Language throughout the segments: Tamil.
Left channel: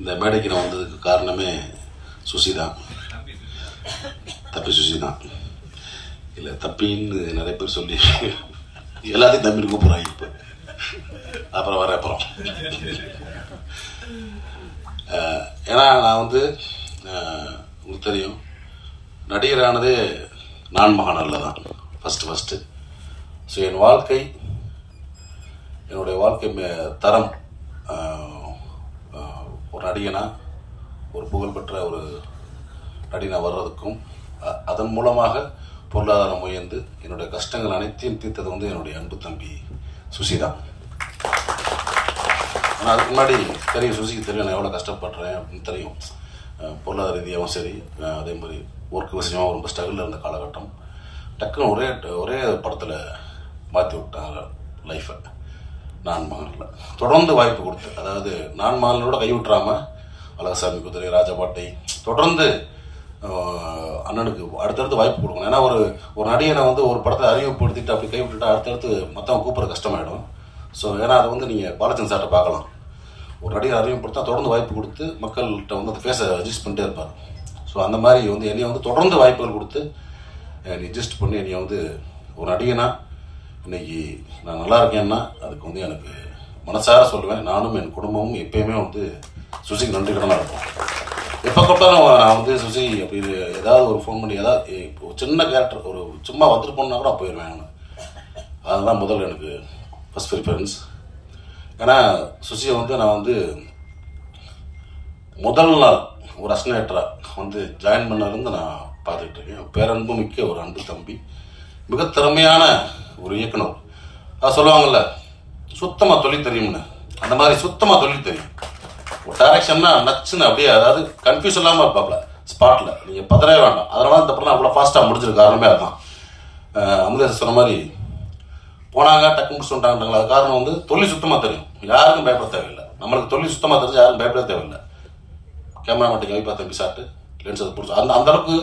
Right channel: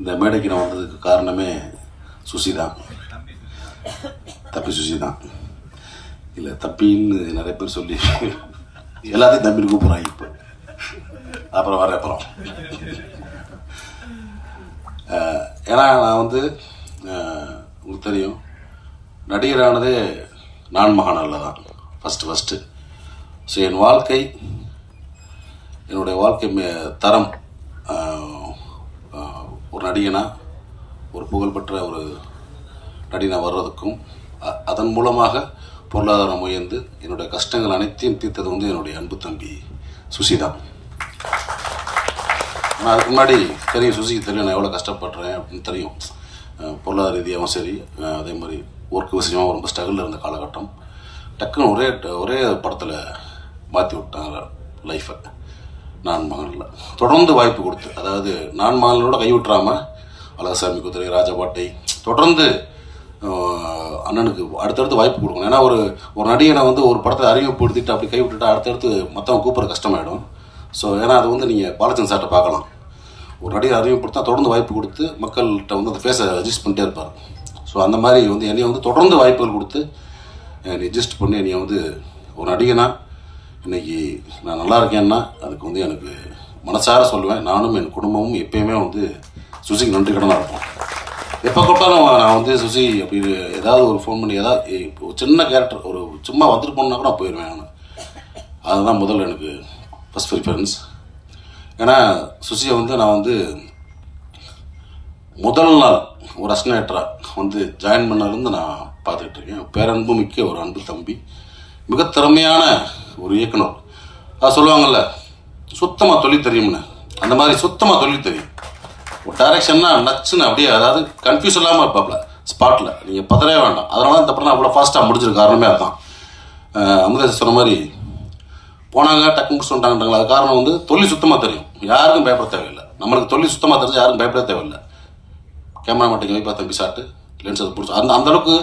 இந்த மேடைக்கு நான் வந்ததுக்கு காரணமே சுசி தான். தப்பி சுசி தான். இல்லை தப்பின்னு நிறைய பேர் சொல்லி எல்லாத்தையும் தம்பின்னு கூப்பிட்றாங்க. இப்போ அப்புறம் வர அப்புறம் ஏன்னா நான் வந்து உங்களுக்கு தெரியும், நடிகரானதே நான் மகானில் தான் ஃபஸ்ட்டு. ஸோ என் வாழ்க்கை, என்னுடைய வாழ்க்கை தரம் ஒரு நடிகனா, ஒரு புகழ்பெற்ற ஒரு நடிகனா வர்றதுக்கும் அதன் மூலமாக பொருளாதாரம் உயர்ந்து என்னுடைய கஷ்டங்கள் அனைத்தையும் தீர்த்தது வந்து என்னுடைய அன்பு தம்பி சுசி தான். ஆனால் அதுக்கு முன்னாடி தெரியும், சுசிக்கு தெரியும் நான் எவ்வளோ கஷ்டப்படுறேன் அப்படின்னு தெரியும். பொருளாதார ரீதியாகவும் சரி, அதே மாதிரி ஒர்க் விஷயமாக ரொம்ப ஸ்ட்ரகிளில் இருந்த காலகட்டம். டக்குன்னு ஒரே படத்தில் மாற்றி விட்டாங்க லைஃப்பை. நான் மகனில் தொடர்ந்து வாய்ப்பு கொடுத்து, அதாவது நான் மகனோட கை விட்டுறாமல் அழகசாமி குதிரை, ராஜபாட்டை தொடர்ந்து அண்ணனுக்கு அடுத்தடுத்து வாய்ப்பு கொடுக்கணும். ஏன்னா ஒரு நடிகனை வந்து ஒரு படத்தை அறிமுகப்படுத்திட்டு அப்படி கை விட்டுட்டா அடுத்தடுத்து மற்றவங்க கூப்பிட்ற கஷ்டமாயிடும். ஸோ ஏன்னா அது வந்து நீங்கள் பாலச்சந்திரன் சார்ட்ட பார்க்கலாம். ஒரு நடிகை அறிமுகப்படுத்தா தொடர்ந்து வாய்ப்பு கொடுத்து மக்கள்கிட்ட வந்து அந்த ஃபேஸை அட்ஜஸ்ட் பண்ணிட்டே இருப்பார். ஸோ அந்த மாதிரி வந்து என்னையை வந்து தொடர்ந்து வாய்ப்புகள் கொடுத்து அட்ஜஸ்ட் பண்ணி என்னையை வந்து ஒரு நடிகனா இன்னைக்கு நான் நல்லா இருக்கேன்னா அதுக்கு வந்து எனக்கு மனசார சொல்லுவேன். நானும் என் குடும்பமும் எப்பயுமே வந்து சுசிக்கு நன்றி கடனாக இருப்போம். எப்போ கூப்பிட்டாலும் நான் வந்து சுசி அப்படி ஏதாவது ஒரு ஃபோன் பண்ணி ஏதாவது ஒரு சின்ன கேரக்டர் ஒரு சும்மா வந்துட்டு போனா கூட போயிடுவேன். நான் அதுதான் முதல்ல எனக்கு ஃபர்ஸ்ட் ப்ரிஃபரன்ஸ். ஏன்னா சுசியை வந்து நான் வந்து முதல் நாள் ஒரு அசிஸ்டன்டாக வந்து ஜாயின் பண்ணலேருந்து நான் பார்த்துக்கிட்டு இருக்கேன். பேரன்பு மிக்க ஒரு அன்பு தம்பி, மிக திறமையான ஒரு இயக்குனர். அது சொல்லுவாங்கல்ல, சுத்தமாக தொழில் தெரியும்னு. அந்த மாதிரி சுத்தமாக தொழில் தெரியும். ஒரு டைரக்ஷன்னா நச்சுன்னு அப்படியே, அதாவது கன்ஃபியூஸ் இல்லாமல் இருப்பாப்ல ஸ்பாட்டில். நீங்கள் பதறவே வேண்டாம். அதனால இந்த படம் அவ்வளோ ஃபாஸ்ட்டாக முடிஞ்சிருக்க காரணமே அதுதான். அமுதேஷ் சொன்ன மாதிரி போனாங்க டக்கு முடிச்சு வந்துட்டாங்கன்றாங்க. அது காரணம் வந்து தொழில் சுத்தமாக தெரியும். யாருக்கும் பயப்பட தேவையில்லை. நம்மளுக்கு தொழில் சுத்தமாக தெரிஞ்சு யாருக்கும் பயப்பட தேவையில்லை. கேமரா மட்டும் வைப்பா தம்பி சாட்டு லென்ஸ் அது பிடிச்சி அந்த அளவுக்கு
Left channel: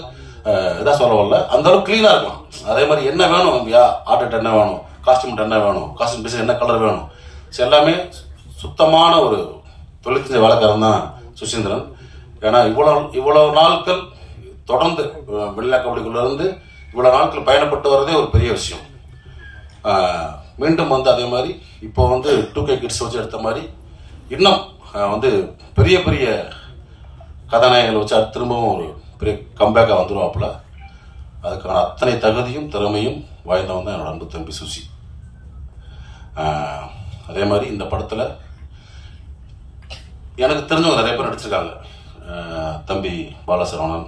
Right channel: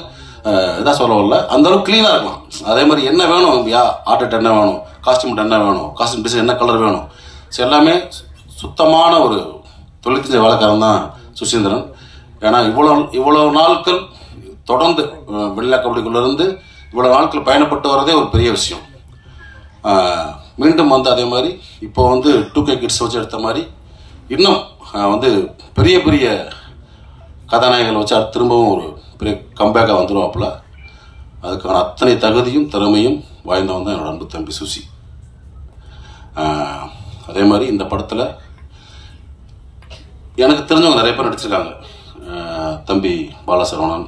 எதாவது சொல்ல வரல, அந்த அளவுக்கு கிளீனாக இருக்கலாம். அதே மாதிரி என்ன வேணும், ஆர்டிஸ்ட் என்ன வேணும், காஸ்டியூம் என்ன வேணும், காஸ்டியூம் டிசைன் என்ன கலர் வேணும், ஸோ எல்லாமே சுத்தமான ஒரு தொழில் தெரிஞ்ச வேலைக்காரன் தான் சுசீந்திரன். ஏன்னா இவ்வளோ நாட்கள் தொடர்ந்து வெள்ளை கபடிக்குள்ளேருந்து இவ்வளோ நாட்கள் பயணப்பட்டு வரதே ஒரு பெரிய விஷயம். மீண்டும் வந்து அதே மாதிரி இப்போ வந்து 2K கிட்ஸ் வச்சு எடுத்த மாதிரி இன்னும் வந்து பெரிய பெரிய கதாநாயகங்கள் வச்சு திரும்பவும் ஒரு பெரிய கம்பேக்காக வந்துடுவாப்புல. அதுக்கான அத்தனை தகுதியும் திறமையும் வாய்ந்தவன் தான் என்னோட அன்பு தம்பி சுசி. அதே மாதிரி இந்த படத்தில் எனக்கு தெரிஞ்சவங்க நிறைய பேர் நடிச்சிருக்காங்க. தம்பி பாலசரவணன்,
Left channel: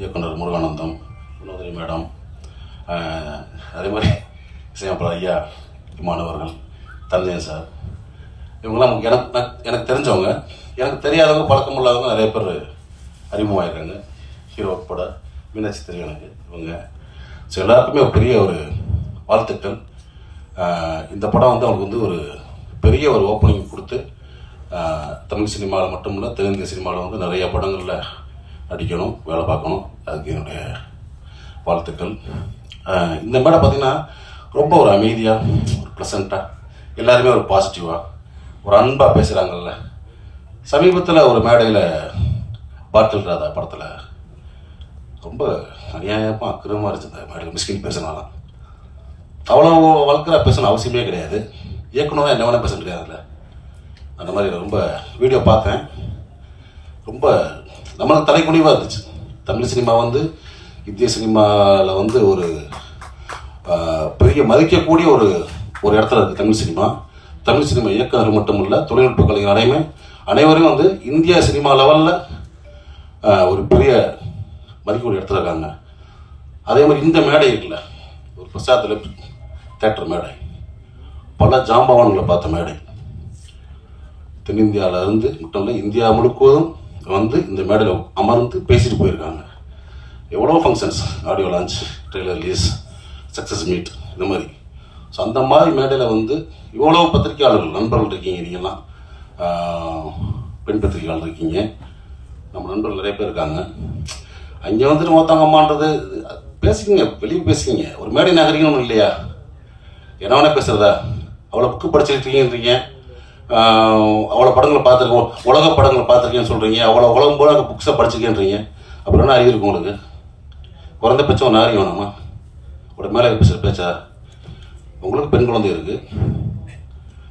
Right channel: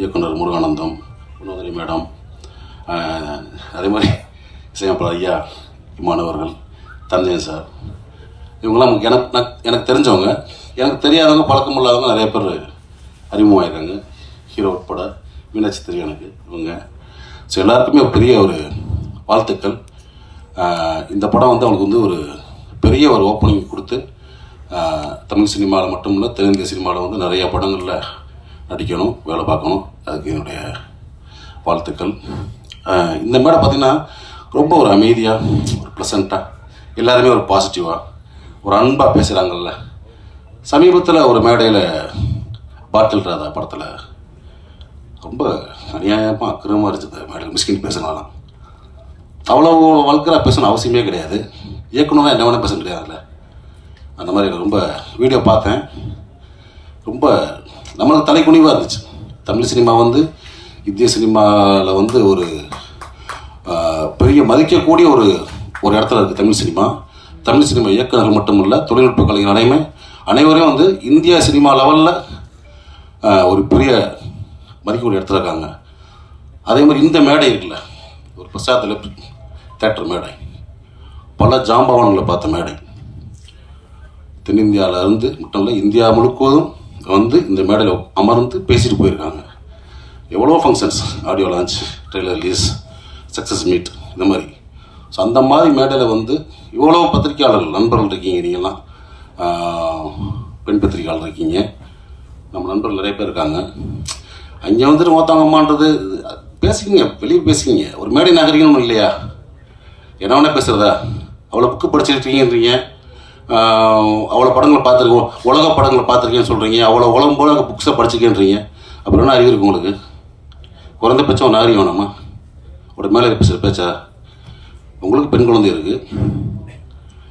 இயக்குனர் முருகானந்தம், வினோதினி மேடம், அதே மாதிரி இசையமைப்பாளர் ஐயா இமானவர்கள், தஞ்சன் சார், இவங்கெல்லாம் எனக்கு தெரிஞ்சவங்க. எனக்கு தெரியாதவங்க, பழக்கம் இல்லாதவங்க நிறைய பேர் அறிமுகமாயிருக்காங்க. ஹீரோ உட்பட மீனாட்சி தெரியும் எனக்கு இவங்க. ஸோ எல்லாருக்குமே பெரிய ஒரு வாழ்த்துக்கள். இந்த படம் வந்து அவங்களுக்கு வந்து ஒரு பெரிய ஒரு ஓப்பனிங் கொடுத்து தமிழ் சினிமாவில் மட்டும் இல்லை தெலுங்கு சினிமாவில் வந்து நிறைய படங்களில் நடிக்கணும், வேலை பார்க்கணும். அதுக்கு என்னுடைய வாழ்த்துக்கள். இந்த மேடை பார்த்திங்கன்னா ரொம்ப ஒரு அமைதியாக, ஒரு ப்ளசண்ட்டாக, எல்லாருமே ஒரு பாசிட்டிவாக, ஒரு அன்பாக பேசுகிறாங்கல்ல. சமீபத்தில் ஒரு மேடையில் பாட்டில் ராதா படத்தில் ரொம்ப அநியாயமாக அக்கிரமாக இருந்துச்சு. மேடையில் மிஸ்கின் பேசினாலும் அவ்வளோ வழக்கராக பேசணும் அவசியமே கிடையாது. இயக்குனராக என்ன வேணால் பேச முடியாதுல்ல. அந்த மாதிரி ரொம்ப வீடியோ பார்த்தேன். ரொம்ப நம்மளுக்கு தலைக்குனிவாக இருந்துச்சு. தமிழ் சினிமா வந்து இந்திய சினிமாவில் வந்து ஒரு பெரிய மதிக்கக்கூடிய ஒரு இடத்துல இருக்குது தமிழ் சினிமா. தமிழ் சினிமா இயக்குநர்கள் மட்டும் இல்லை, தொழில்நுட்ப கலைஞர் அனைவரும் வந்து இந்திய சினிமா லெவலில் ஒரு பெரிய மதிக்கக்கூடிய இடத்துல இருக்காங்க. அதே மாதிரி இந்த மேடை இருக்குல்ல, ஒரு பிரசாத் தேட்டர் மேடை, பல ஜாம்பவான்களை பார்த்த மேடை. தென்னிந்தியாவிலேருந்து மட்டும் இல்லை, இந்தியா முழுவதும் வந்து இந்த மேடையில் அமர்ந்து பேசிட்டு போயிருக்காங்க. எவ்வளோ functions, audio launch, trailer release, success meet, இந்த மாதிரி. ஸோ அந்த மாதிரி மேடையில் வந்து இவ்வளோ பத்திரிகையாளர்கள் நண்பர்கள் இருக்கீங்க. நீங்கள்லாம் பெண் பத்திரிகையாளர் இருக்கீங்க, நம்ம நண்பர்கள் நிறைய பேர் இருக்காங்க. அங்கே வந்துட்டு மொத்தவங்க அம்மான்றது பேசிக்கிங்க, வெளியே பேசிக்கிங்க. ஒரு மேடை நாகரிகம் இல்லையா? என்ன வேணால் பேசுகிறதா? அவ்வளோ புக்கு படிச்சிருக்கீங்கன்றீங்க, அவ்வளோ படங்களை பார்த்துருக்கோம், உலக படங்களை பார்த்துருக்கேன்னு சொல்கிறீங்க, அவ்வளோ உலகம் போல அந்த புக்ஸை படிச்சுக்கேன்றீங்க. அப்புறம் என்ன அறிவு இருக்கு உங்களுக்கு? குறைந்தபட்சம் ஒன்று அறிவு வேணாமா? ஒரு மேலே பேச்சா? உங்களுக்கு பெண் குழந்தை இருக்குது,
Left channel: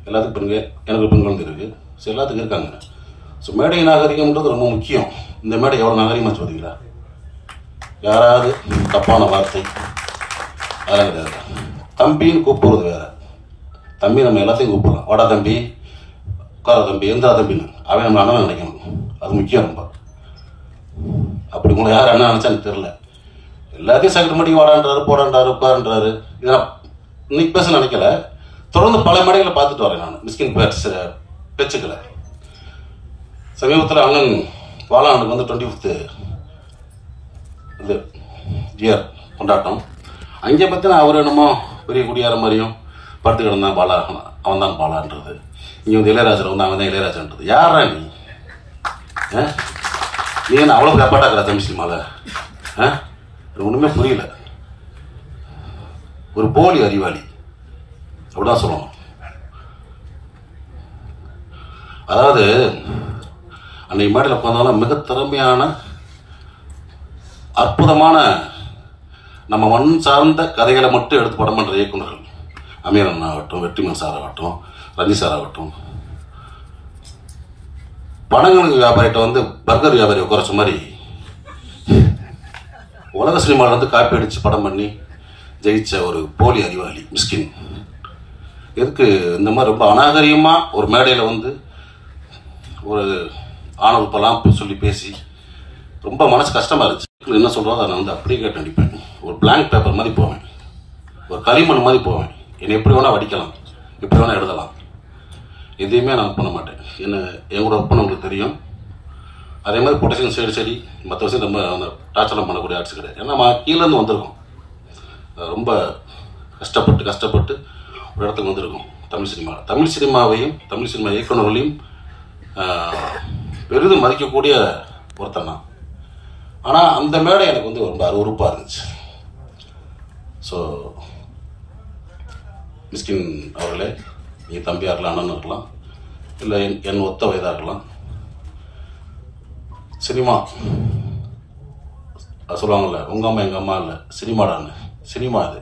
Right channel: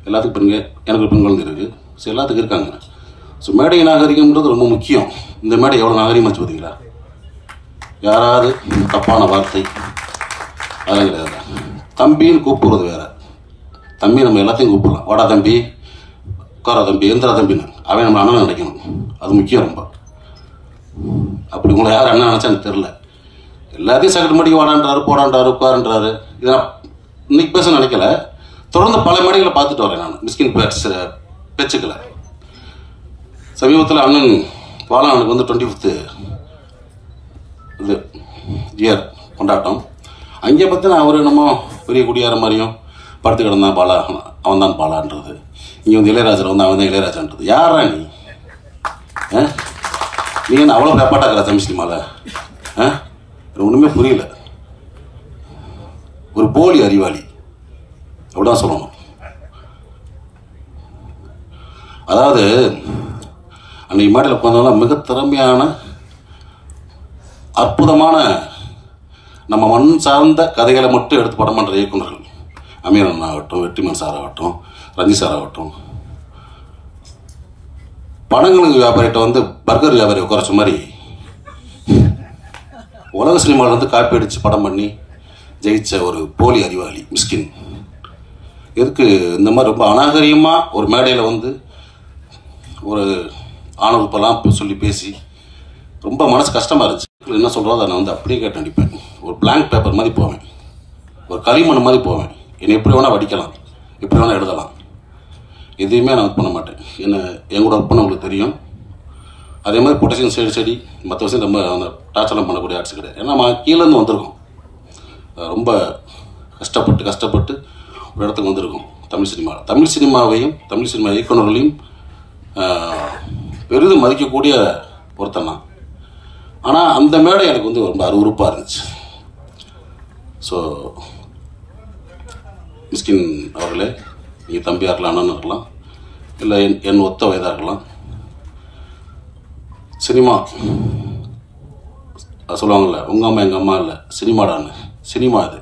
எல்லாத்துக்கும் பெண்கள், எனக்கு பெண் குழந்தை இருக்குது, ஸோ எல்லாத்துக்கும் இருக்காங்க. ஸோ மேடை நாகரிகம்ன்றது ரொம்ப முக்கியம். இந்த மேடை எவ்வளோ நாகரிகமாச்சு பார்த்தீங்களா? யாராவது தப்பான வார்த்தை அதெல்லாம் கிடையாது. தம்பின்னு கூப்பிடுறது வேற. தம்பி நம்ம எல்லாத்தையும் கூப்பிடலாம், வாடா தம்பி, உட்காரா தம்பி, எந்திரா தம்பின்னு. அவன் நம்ம அண்ணன் நினைக்கணும், அது முக்கியம். ரொம்ப அப்படி உங்களை யார் அண்ணன் நினைச்சா எனக்கு தெரியல. எல்லாத்தையும் சைடு மடி வாடான்றாரு, போடான்றாரு, உட்காரன்றாரு. இதை நான் இன்னைக்கு பேச நினைக்கல, தொடர்ந்து பல மேடைகளை பார்த்துட்டு வரேன் நான் மிஸ்கின் பேச்சுக்களை. சமீபத்தில் அண்ணன் பாலானுக்கு வந்து 25th இது இயர் கொண்டாட்டம். அங்கே பார்த்தினா அவர் என்னமோ பெரிய குடியார மாதிரியும் படுத்து கிடந்தான் பாலா, அவன் தான் பாலான்றது. இங்கே வந்து இளையராஜர் வந்து அவன் தான் இளையராஜன்றது. யாரா நீ? நீ என்ன அவ்வளோ பேப்பாட்டாக்குற தமிழ் சினிமாவில்? ஒன்றுமே புரியல. ஒரு போலி அறிவாளி அப்படிதான் சொல்லணும். அதாவது அன்னைக்கு மேடையில் பார்த்தோம்னா மிக திறமையான அற்புதமான நம்ம மண் சார்ந்த கதைகளை மட்டும் எடுத்து படம் பண்ணுற இயக்குநர்கள், அமீரன் ஆகட்டும், வெற்றிமன் சார் ஆகட்டும், ரஞ்சி சார் ஆகட்டும், படங்களுக்கு வியாபாரிகிட்ட வந்து பர்கர் வியாபாரி குறைச்ச மாதிரி உலக சினிமாவிலேருந்து காப்பி அடித்து படம் பண்ணி ஜெயிச்ச ஒரு போலி அறிவாளி மிஸ்கின். எதுக்கு இந்த மாதிரி ரொம்ப அநாகரிகமாக ஒரு மேடையில் வந்து ஒரு ஆணவப்பெல்லாம் சொல்லி பேசி ரொம்ப மனசு கஷ்டமாக இருந்துச்சு. என்ன சொல்கிறதோ நான் வந்து அப்படியே கேட்டு அடிப்பேன். ஒரு பிளாங்க் பேப்பர் மாதிரி போவேன், ஒரு களிமண் மாதிரி போவேன். என்னை எப்படி வேணால் வடிக்கலாம், எப்படி வேணால் எழுதலாம், எதையுமே நான் பண்ண மாட்டேன். எங்களோட ஒர்க் பண்ணவங்களுக்கு தெரியும். அதே மாதிரி பொட்டேஷன் செடி மற்ற விஷயம் நம்ம அந்த டார்ச்சர்லாம் பண்ணக்கூடிய ஆர்ட்ஸ் கிடையாது. ஏன்னா நம்ம கீழேருந்து வந்திருக்கோம், ரொம்ப கஷ்டப்பட்டு ஒரு இடத்துக்கு வந்திருக்கோம். தமிழ் சினிமாவையும் தமிழ் சினிமா இயக்குநர்களையும் பெரிதும் மதிக்கக்கூடிய ஒருத்தன் தான். ஆனால் அந்த மேடை எனக்கு வந்து ரொம்ப அருவருப்பாக இருந்துச்சு. ஸோ மிஸ்கின் அவர்களே, நீங்கள் தம்பியாக இருக்கலாம், அண்ணன் இருக்கலாம், இல்லை என் ஒத்த வயதாக இருக்கலாம், சினிமா சொல்லுவாங்கள்ல, உங்கள் அம்மா எங்கள் அம்மா இல்லை சினிமாடான்னு, சினிமா அது.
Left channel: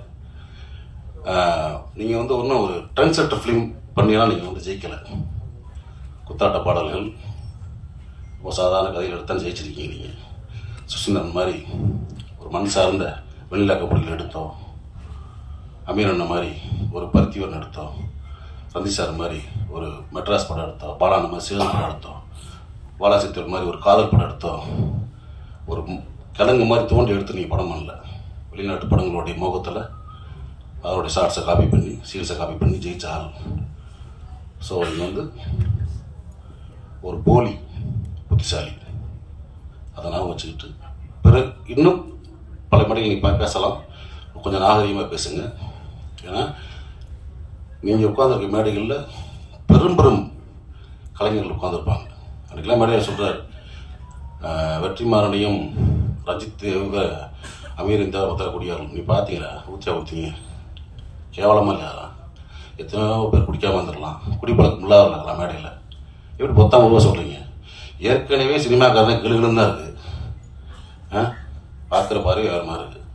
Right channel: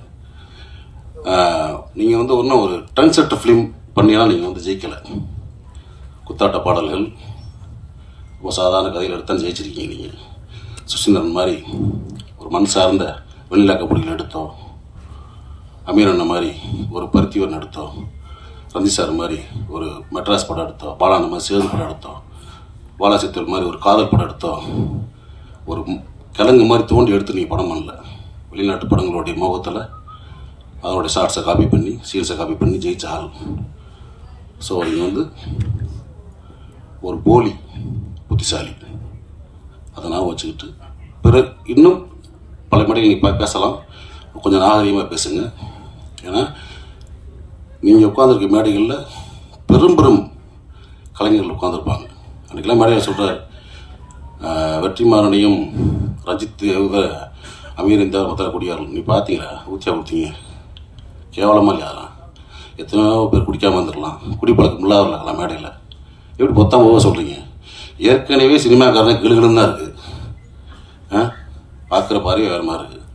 நீங்கள் வந்து ஒன்றும் ஒரு ட்ரெண்ட் செட்டர் ஃபிலிம் பண்ணினா நீங்கள் வந்து ஜெயிக்கலை. குத்தாட்ட பாடல்கள், ரொம்ப சாதாரண கதைகள் எடுத்தால் ஜெயிச்சிருக்கீங்க. நீங்கள் சுசீந்திரன் மாதிரி ஒரு மண் சார்ந்த வெண்ணிலா கபடிகள் எடுத்தோம், அமீரன் மாதிரி ஒரு பருத்திவன் எடுத்தோம், ரஞ்சி சார் மாதிரி ஒரு மெட்ராஸ் படம் எடுத்தோம், பாலான மாதிரி சேது படம் எடுத்தோம், பாலாசித்தூர் மாதிரி ஒரு காதல் படம் எடுத்தோம். ஒரு கிழங்கு மாதிரி தோண்டி எடுத்து நீங்கள் படம் பண்ணல. வெளிநாட்டு படங்களுடைய முகத்தில் அதனுடைய ஷார்ட்ஸை காப்பி பண்ணி, சீல்ஸை காப்பி பண்ணி ஜெயிச்ச ஆள். ஸோ நீங்கள் வந்து ஒரு போலி புத்திசாலி, அதை நான் வச்சுக்கிட்டு பிறகு இன்னும் பல மணிகள் நீங்கள் பேசலாம், கொஞ்சம் நாகரிகமாக பேசுங்க. ஏன்னா நீங்கள் உட்காந்துருக்க மேடைகளில் பெரும் கலைஞர்கள் உட்காந்துருப்பாங்க. அன்றைக்கெல்லாம் மேடையில் சொல்கிறார், வெற்றிமாறனையும் ரஞ்சித் அமீர் இந்த மொத்தக்கூடியார்கள் நீ பார்த்தீங்களா, ஊற்றியா ஊற்றிங்க, கேவலமாக இல்லையா? எத்தனையோ பேர் குடிக்காமல் வந்துடலாம், குடிப்பழக்கம் இல்லாத மேடையில் எப்படி மொத்தமாக சொல்கிறீங்க? ஏற்கனவே சினிமாக்காரன் கிளுகிளுன்னு தான் இருக்குது, பார்க்குற பார்வை வேறு மாதிரி இருக்குது.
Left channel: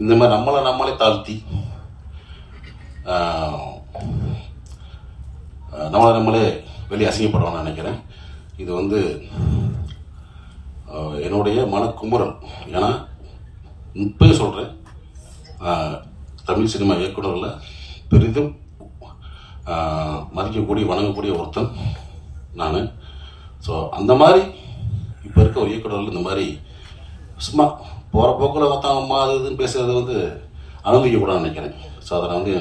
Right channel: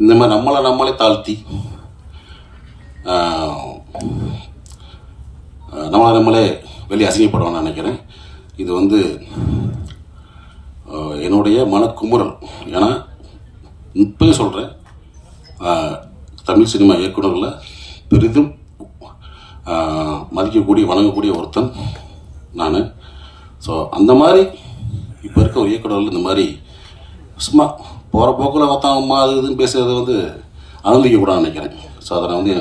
இந்த மாதிரி நம்மளே தாழ்த்தி நம்மளே வெளியே அசிங்கப்படுவான்னு நினைக்கிறேன். இது வந்து என்னுடைய மனக்குமுறல். ஏன்னா இப்பயும் சொல்கிறேன், தமிழ் சினிமா இயக்குநர்களில் பெரிதும் மதிக்கக்கூடிய வணங்கக்கூடிய ஒருத்தன் நான். ஸோ அந்த மாதிரி இப்போ இருக்க ஒரு இயக்குநர்கள் இந்த மாதிரி சும்மா போகிற போக்கில் பார்த்தாங்கம்மா அது இதுன்னு பேசுகிறது வந்து அனுமதிக்கக்கூடாதுன்னு நினைக்கிறேன். ஸோ அதை நான் வந்து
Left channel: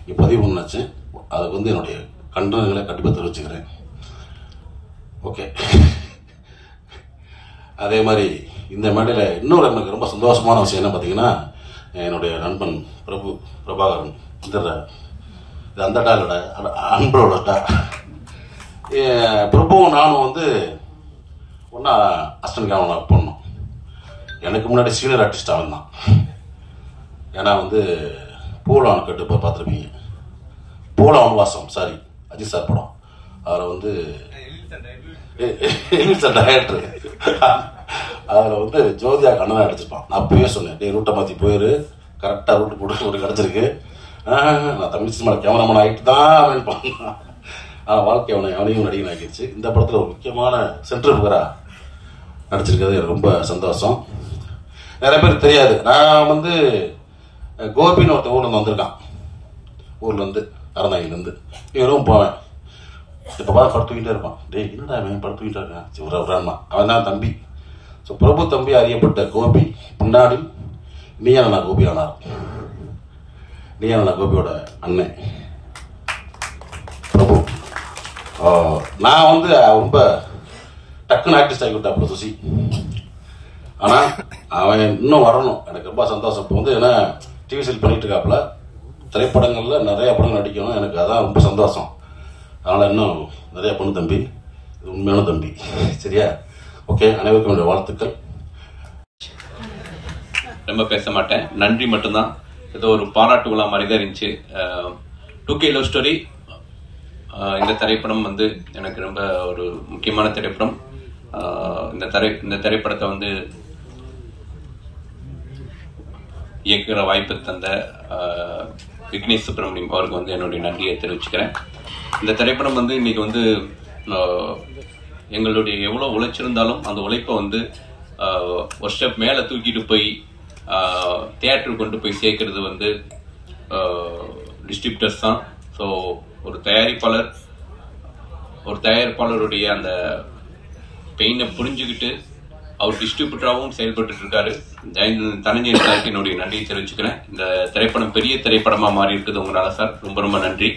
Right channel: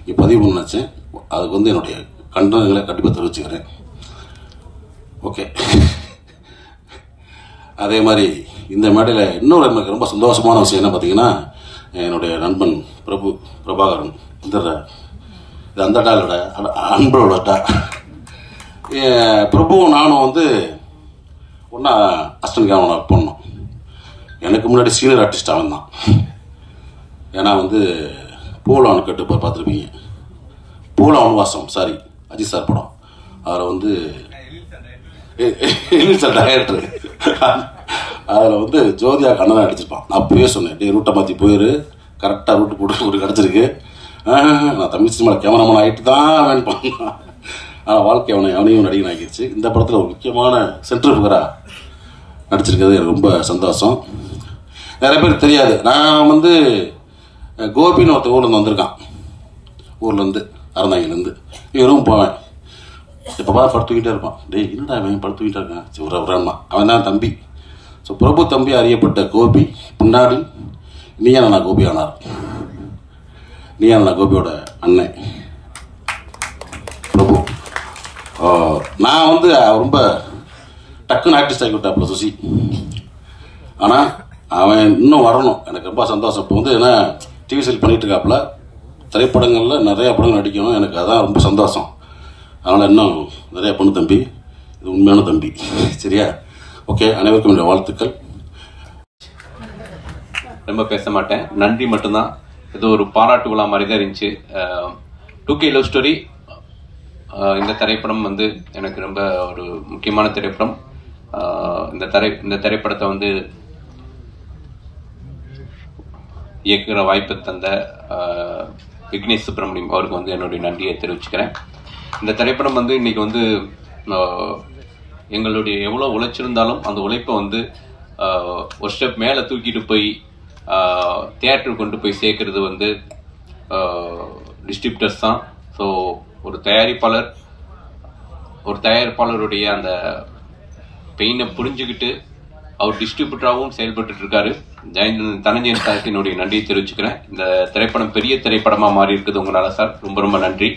இங்கே பதிவு பண்ண நினச்சேன். அதுக்கு வந்து என்னுடைய கண்டனங்களை கண்டிப்பாக தெரிவிச்சுக்கிறேன். ஓகே. அதே மாதிரி இந்த மேடையில் இன்னொரு எனக்கு ரொம்ப சந்தோஷமான விஷயம் என்ன பார்த்தீங்கன்னா, என்னுடைய நண்பன் பிரபாகரன் இது அந்த டாலோட அன்போட டா பிரபுவும் நானும் வந்து ஒன்றா அஸ்டன் கேமரா ஒர்க் பண்ணோம். எனக்கு முன்னாடி சீனியர் ஆர்டிஸ்ட் அவன் தான். ஏன்னா வந்து பூலாவன் கேட்டு பார்த்துருப்பீங்க, பூலாவன் வாசம் சாரி அஜித் சார் படம். அதில் வந்து டைரக்டர், அதில் வந்து ஜோதியா கண்ணன் அடிச்சிருப்பான். நான் அப்பவே சொன்னேன், டே ரூட்டை மாற்றி போயிரு, கரெக்டாக ரூட்டு போட்டு ஒரு கிடச்சிருக்கு. நான் தமிழ் சினிமாவில் கேமராமேன் ஆகிட்டு தான் அவன் பண்ணான். ஆனால் வாழ்க்கை அவனையும் நடிகன் ஆகிடுச்சு. இந்த படத்தில் ஒரு முக்கியமான சென்ட்ரல் ஃபிகராக நடிச்சிருக்கிறது எனக்கு ரொம்ப சந்தோஷம். நிறைய பேர் தெரியாது, நான் வந்து கோபின்னு ஒருத்த ஊர்லேருந்து வந்திருக்கான், ஊர்லேருந்து அறந்தாங்கிலேருந்து. இவரும் போவேன், இப்போ பார்த்து படுத்துக்கிட்டே இருப்பான். டே என்னடா அவன் படுத்துக்கிட்டே இருக்கான், சரி ஒரு அவரான் அவன் தான் தம்பி. ஸோ பிரபு தம்பி அறியப்பட்ட கோபி பின்னாடி நீயான கோபி ஆனார். நீயான கோபியோட அண்ணன் பிரபு. நான் வந்து ரொம்ப டக்குன்னு ஆர்டிஸ்ட் ஆகிவிட்டாப்புல சுசி. ஆனால் அவன் இன்னும் வரணும், எனக்கு ரொம்ப சந்தோஷம். இப்போ வந்து ஏன்னா டிவி சீரியல் பண்ணிட்டு இருக்காப்புல, திரைப்படங்களில் நிறைய படங்கள் நடிக்கணும், எனக்கு அதான் ரொம்ப சந்தோஷம். அதனால் இன்னும் நிறையா பொண்ணு தம்பி, இது உண்மையான தம்பி. சரியா? ஓகே, அனைவருக்கும் என்னுடைய வாழ்த்துக்கள். ரொம்ப பேச மாட்டேன், நன்றி மட்டும்தான். ஏதோ ஒரு பாராட்டு விழா மாதிரி தான் இருந்துச்சு. 2K லவ் ஸ்டோரி இந்த திரைப்படம் வந்து எனக்கு ரொம்ப ஒரு முக்கியமான திரைப்படம். இந்த திரைப்படத்தை வந்து இயக்குகிற வாய்ப்பு தந்த விக்னேஷ் சுப்ரமணியம் அவருக்கு வந்து என்னுடைய நன்றியை தெரிவிச்சுக்கிறேன். இந்த திரைப்படம் வந்து இன்னைக்கு வந்து எங்களுடைய எவ்வளோ உழைச்சிருந்தாலும் அந்த உழைப்பை வந்து ஒரு ஸ்டெப் மேலே தூக்கிட்டு போய் தியேட்டருக்கு கொண்டு போய் சேர்க்கறது வந்து டிஸ்ட்ரிபியூட்டர்ஸ் தான். ஸோ ஒரு தயாரிப்பாளருடைய அந்த பெயினை புரிஞ்சுக்கிட்டு அவர் டிஸ்ட்ரிபியூட்டராகவும் செயல்பட்டு இருக்காரு. தனஞ்சயன் சாருக்கு என்னுடைய நன்றியை தெரிவிச்சுக்கிறேன். இந்த திரைப்படம் பெரிய திரைப்படமாக மாறி இருக்குது உங்களால சார், ரொம்ப ரொம்ப நன்றி.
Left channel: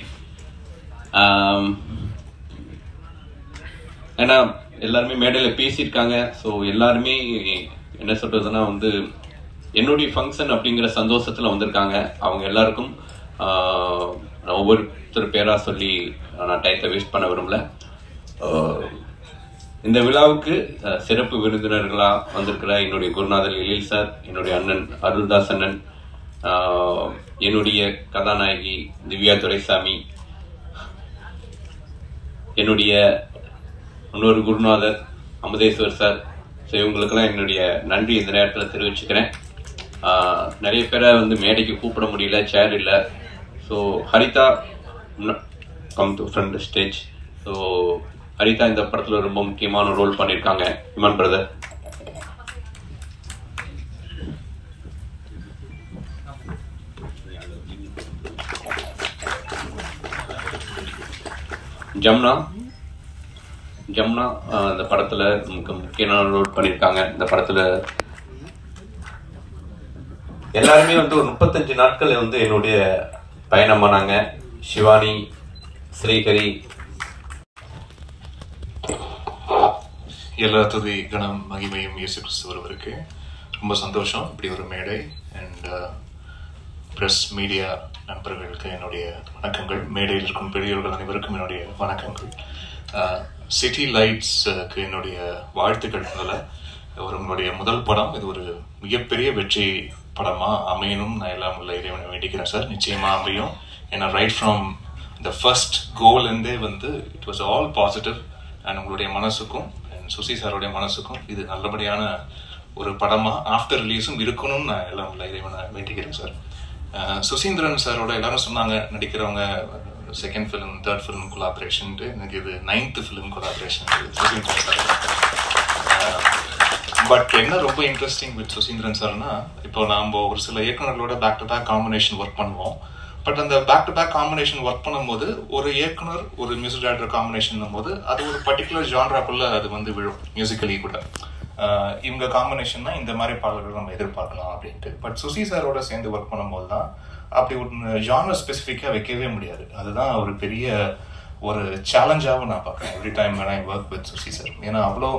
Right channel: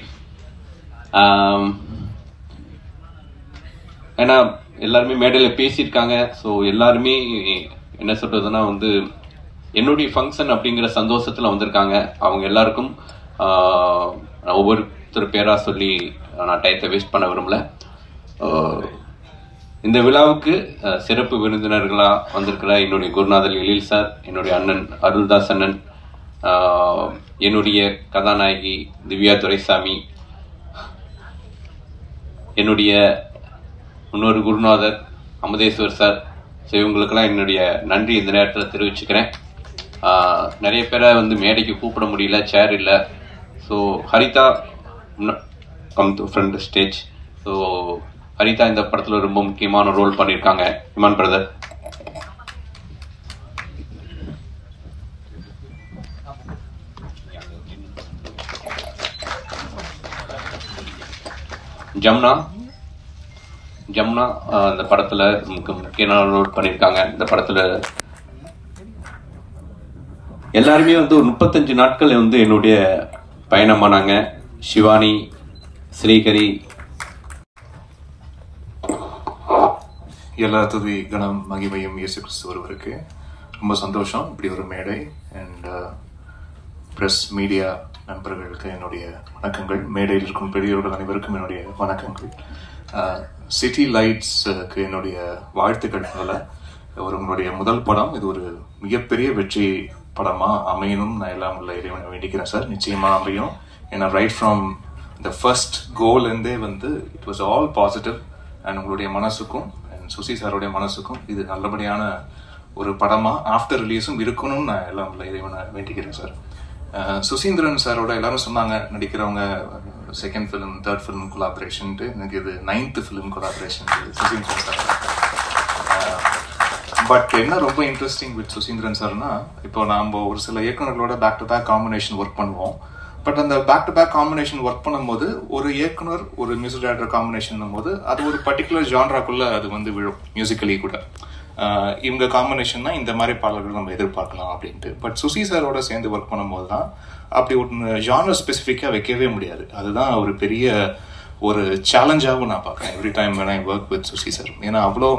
ஏன்னா எல்லாருமே மேடையில் பேசியிருக்காங்க. ஸோ எல்லாருமே என்ன சொல்றதுன்னா வந்து என்னுடைய ஃபங்க்ஷன் அப்படிங்கிற சந்தோஷத்தில் வந்திருக்காங்க. அவங்க எல்லாருக்கும் ஒவ்வொருத்தர் பேராக சொல்லி நான் டயத்தை வேஸ்ட் பண்ண விரும்பல. இந்த விழாவுக்கு சிறப்பு விருந்தினர்களாக வந்திருக்கிற என்னுடைய குருநாதர் எழில் சார், என்னுடைய அண்ணன் அருள்தாஸ் அண்ணன், என்னுடைய கதாநாயகி திவ்யா துரைசாமி, என்னுடைய இன்னொரு குருநாதர் அமுதேஸ்வர் சார். ஸோ இவங்களுக்கெல்லாம் என்னுடைய நன்றி இந்த நேரத்தில் தெரிவிச்சுக்கிறேன். நிறைய பேரை வந்து மேடைக்கு கூப்பிட முடியல, சேர் இல்லை. So Haritha come to front stage. So Haritha இந்த படத்தில் ரொம்ப முக்கியமான ரோல் பண்ணியிருக்காங்க. இமான் பிரதர், ஜம்னா இந்த படத்துல முக்கியமான ரோல் பண்ணியிருக்காங்க. இந்த படத்துல எல்லாருமே வந்து 35 நாட்கள் வந்து என்னுடைய பயணமானாங்க. சிவானி, ஸ்ரீகரி, எல்லா துதி கணம் மகிமையும் இயேசு கிறிஸ்து ஒருவருக்கு. ரொம்ப சந்தோஷம் இப்படி ஒரு மேடை. அண்ட் பிரஸ் மீடியா நண்பர்களுக்கு என்னுடைய வணக்கங்கள். மேடையில் இருக்கும் பெரியவர்கள் அனைவருக்கும் என்னுடைய வணக்கங்கள். சிட்டி லைட்ஸுக்கு என்னுடைய வாழ்த்துக்கள். உங்களுடைய முதல் படம் இது ஒரு மிகப்பெரிய வெற்றி படமா அமையணும் நான் எல்லாம் உள்ள இறைவனை வேண்டிக்கிறேன் சார். நிச்சயமா அமையும். ஏன்னா ரைட் ஃப்ரம் த ஃபர்ஸ்ட் கோல்லேருந்தே வந்து it was all positive. And உங்களுடைய மனசுக்கும் அண்ட் சுசி சாருடைய மனசுக்கும் இது நல்லபடியான ஒரு படமா ஆஃப்டர் ரிலீஸும் இருக்கணும்னு நான் எல்லாம் உள்ள இறைவனை வேண்டிக்கிறேன் சார். சுசீந்திரன் சாரோட எல்லாரும் சொன்னாங்க நடிக்கிறவங்க செகண்ட் ஃபிலிம், தேர்ட் ஃபிலிம் கொலாபரேஷன்ட்டு. எனக்கு இது 9th film collaboration Suseenthiran sir. But என்ன ரொம்ப இன்ட்ரெஸ்டிங் வித் சுசீந்திரன் சார்னா, இப்போ நம்ம ஒரு சில இயக்குநர்களோட back to back combination work பண்ணுவோம். பட் அந்த back to back combination work பண்ணும்போது ஒரு இயக்குனர் ஒரு மியூசிக் டைரக்டர் காம்பினேஷன் போது அது ஒரு பர்டிகுலர் ஜான்ராக்குள்ள அது வந்து விழும் மியூசிக்கலி கூட. இவங்க காம்பினேஷன் தான் இந்த மாதிரி பாடல்கள் நம்ம எதிர்பார்க்கலாம் அப்படின்ட்டு. பட் சுசி சாரோட சேர்ந்து ஒர்க் பண்ணும்போது தான் அப்படி ஒரு ஜானர் ஸ்பெசிஃபிக்காக வைக்கவே முடியாது. அதுதான் ஒரு பெரிய ஒரு சேலஞ்சாகவும் நான் பார்க்குறேன் every time when I work with Susi sir. ஏன்னா அவ்வளோ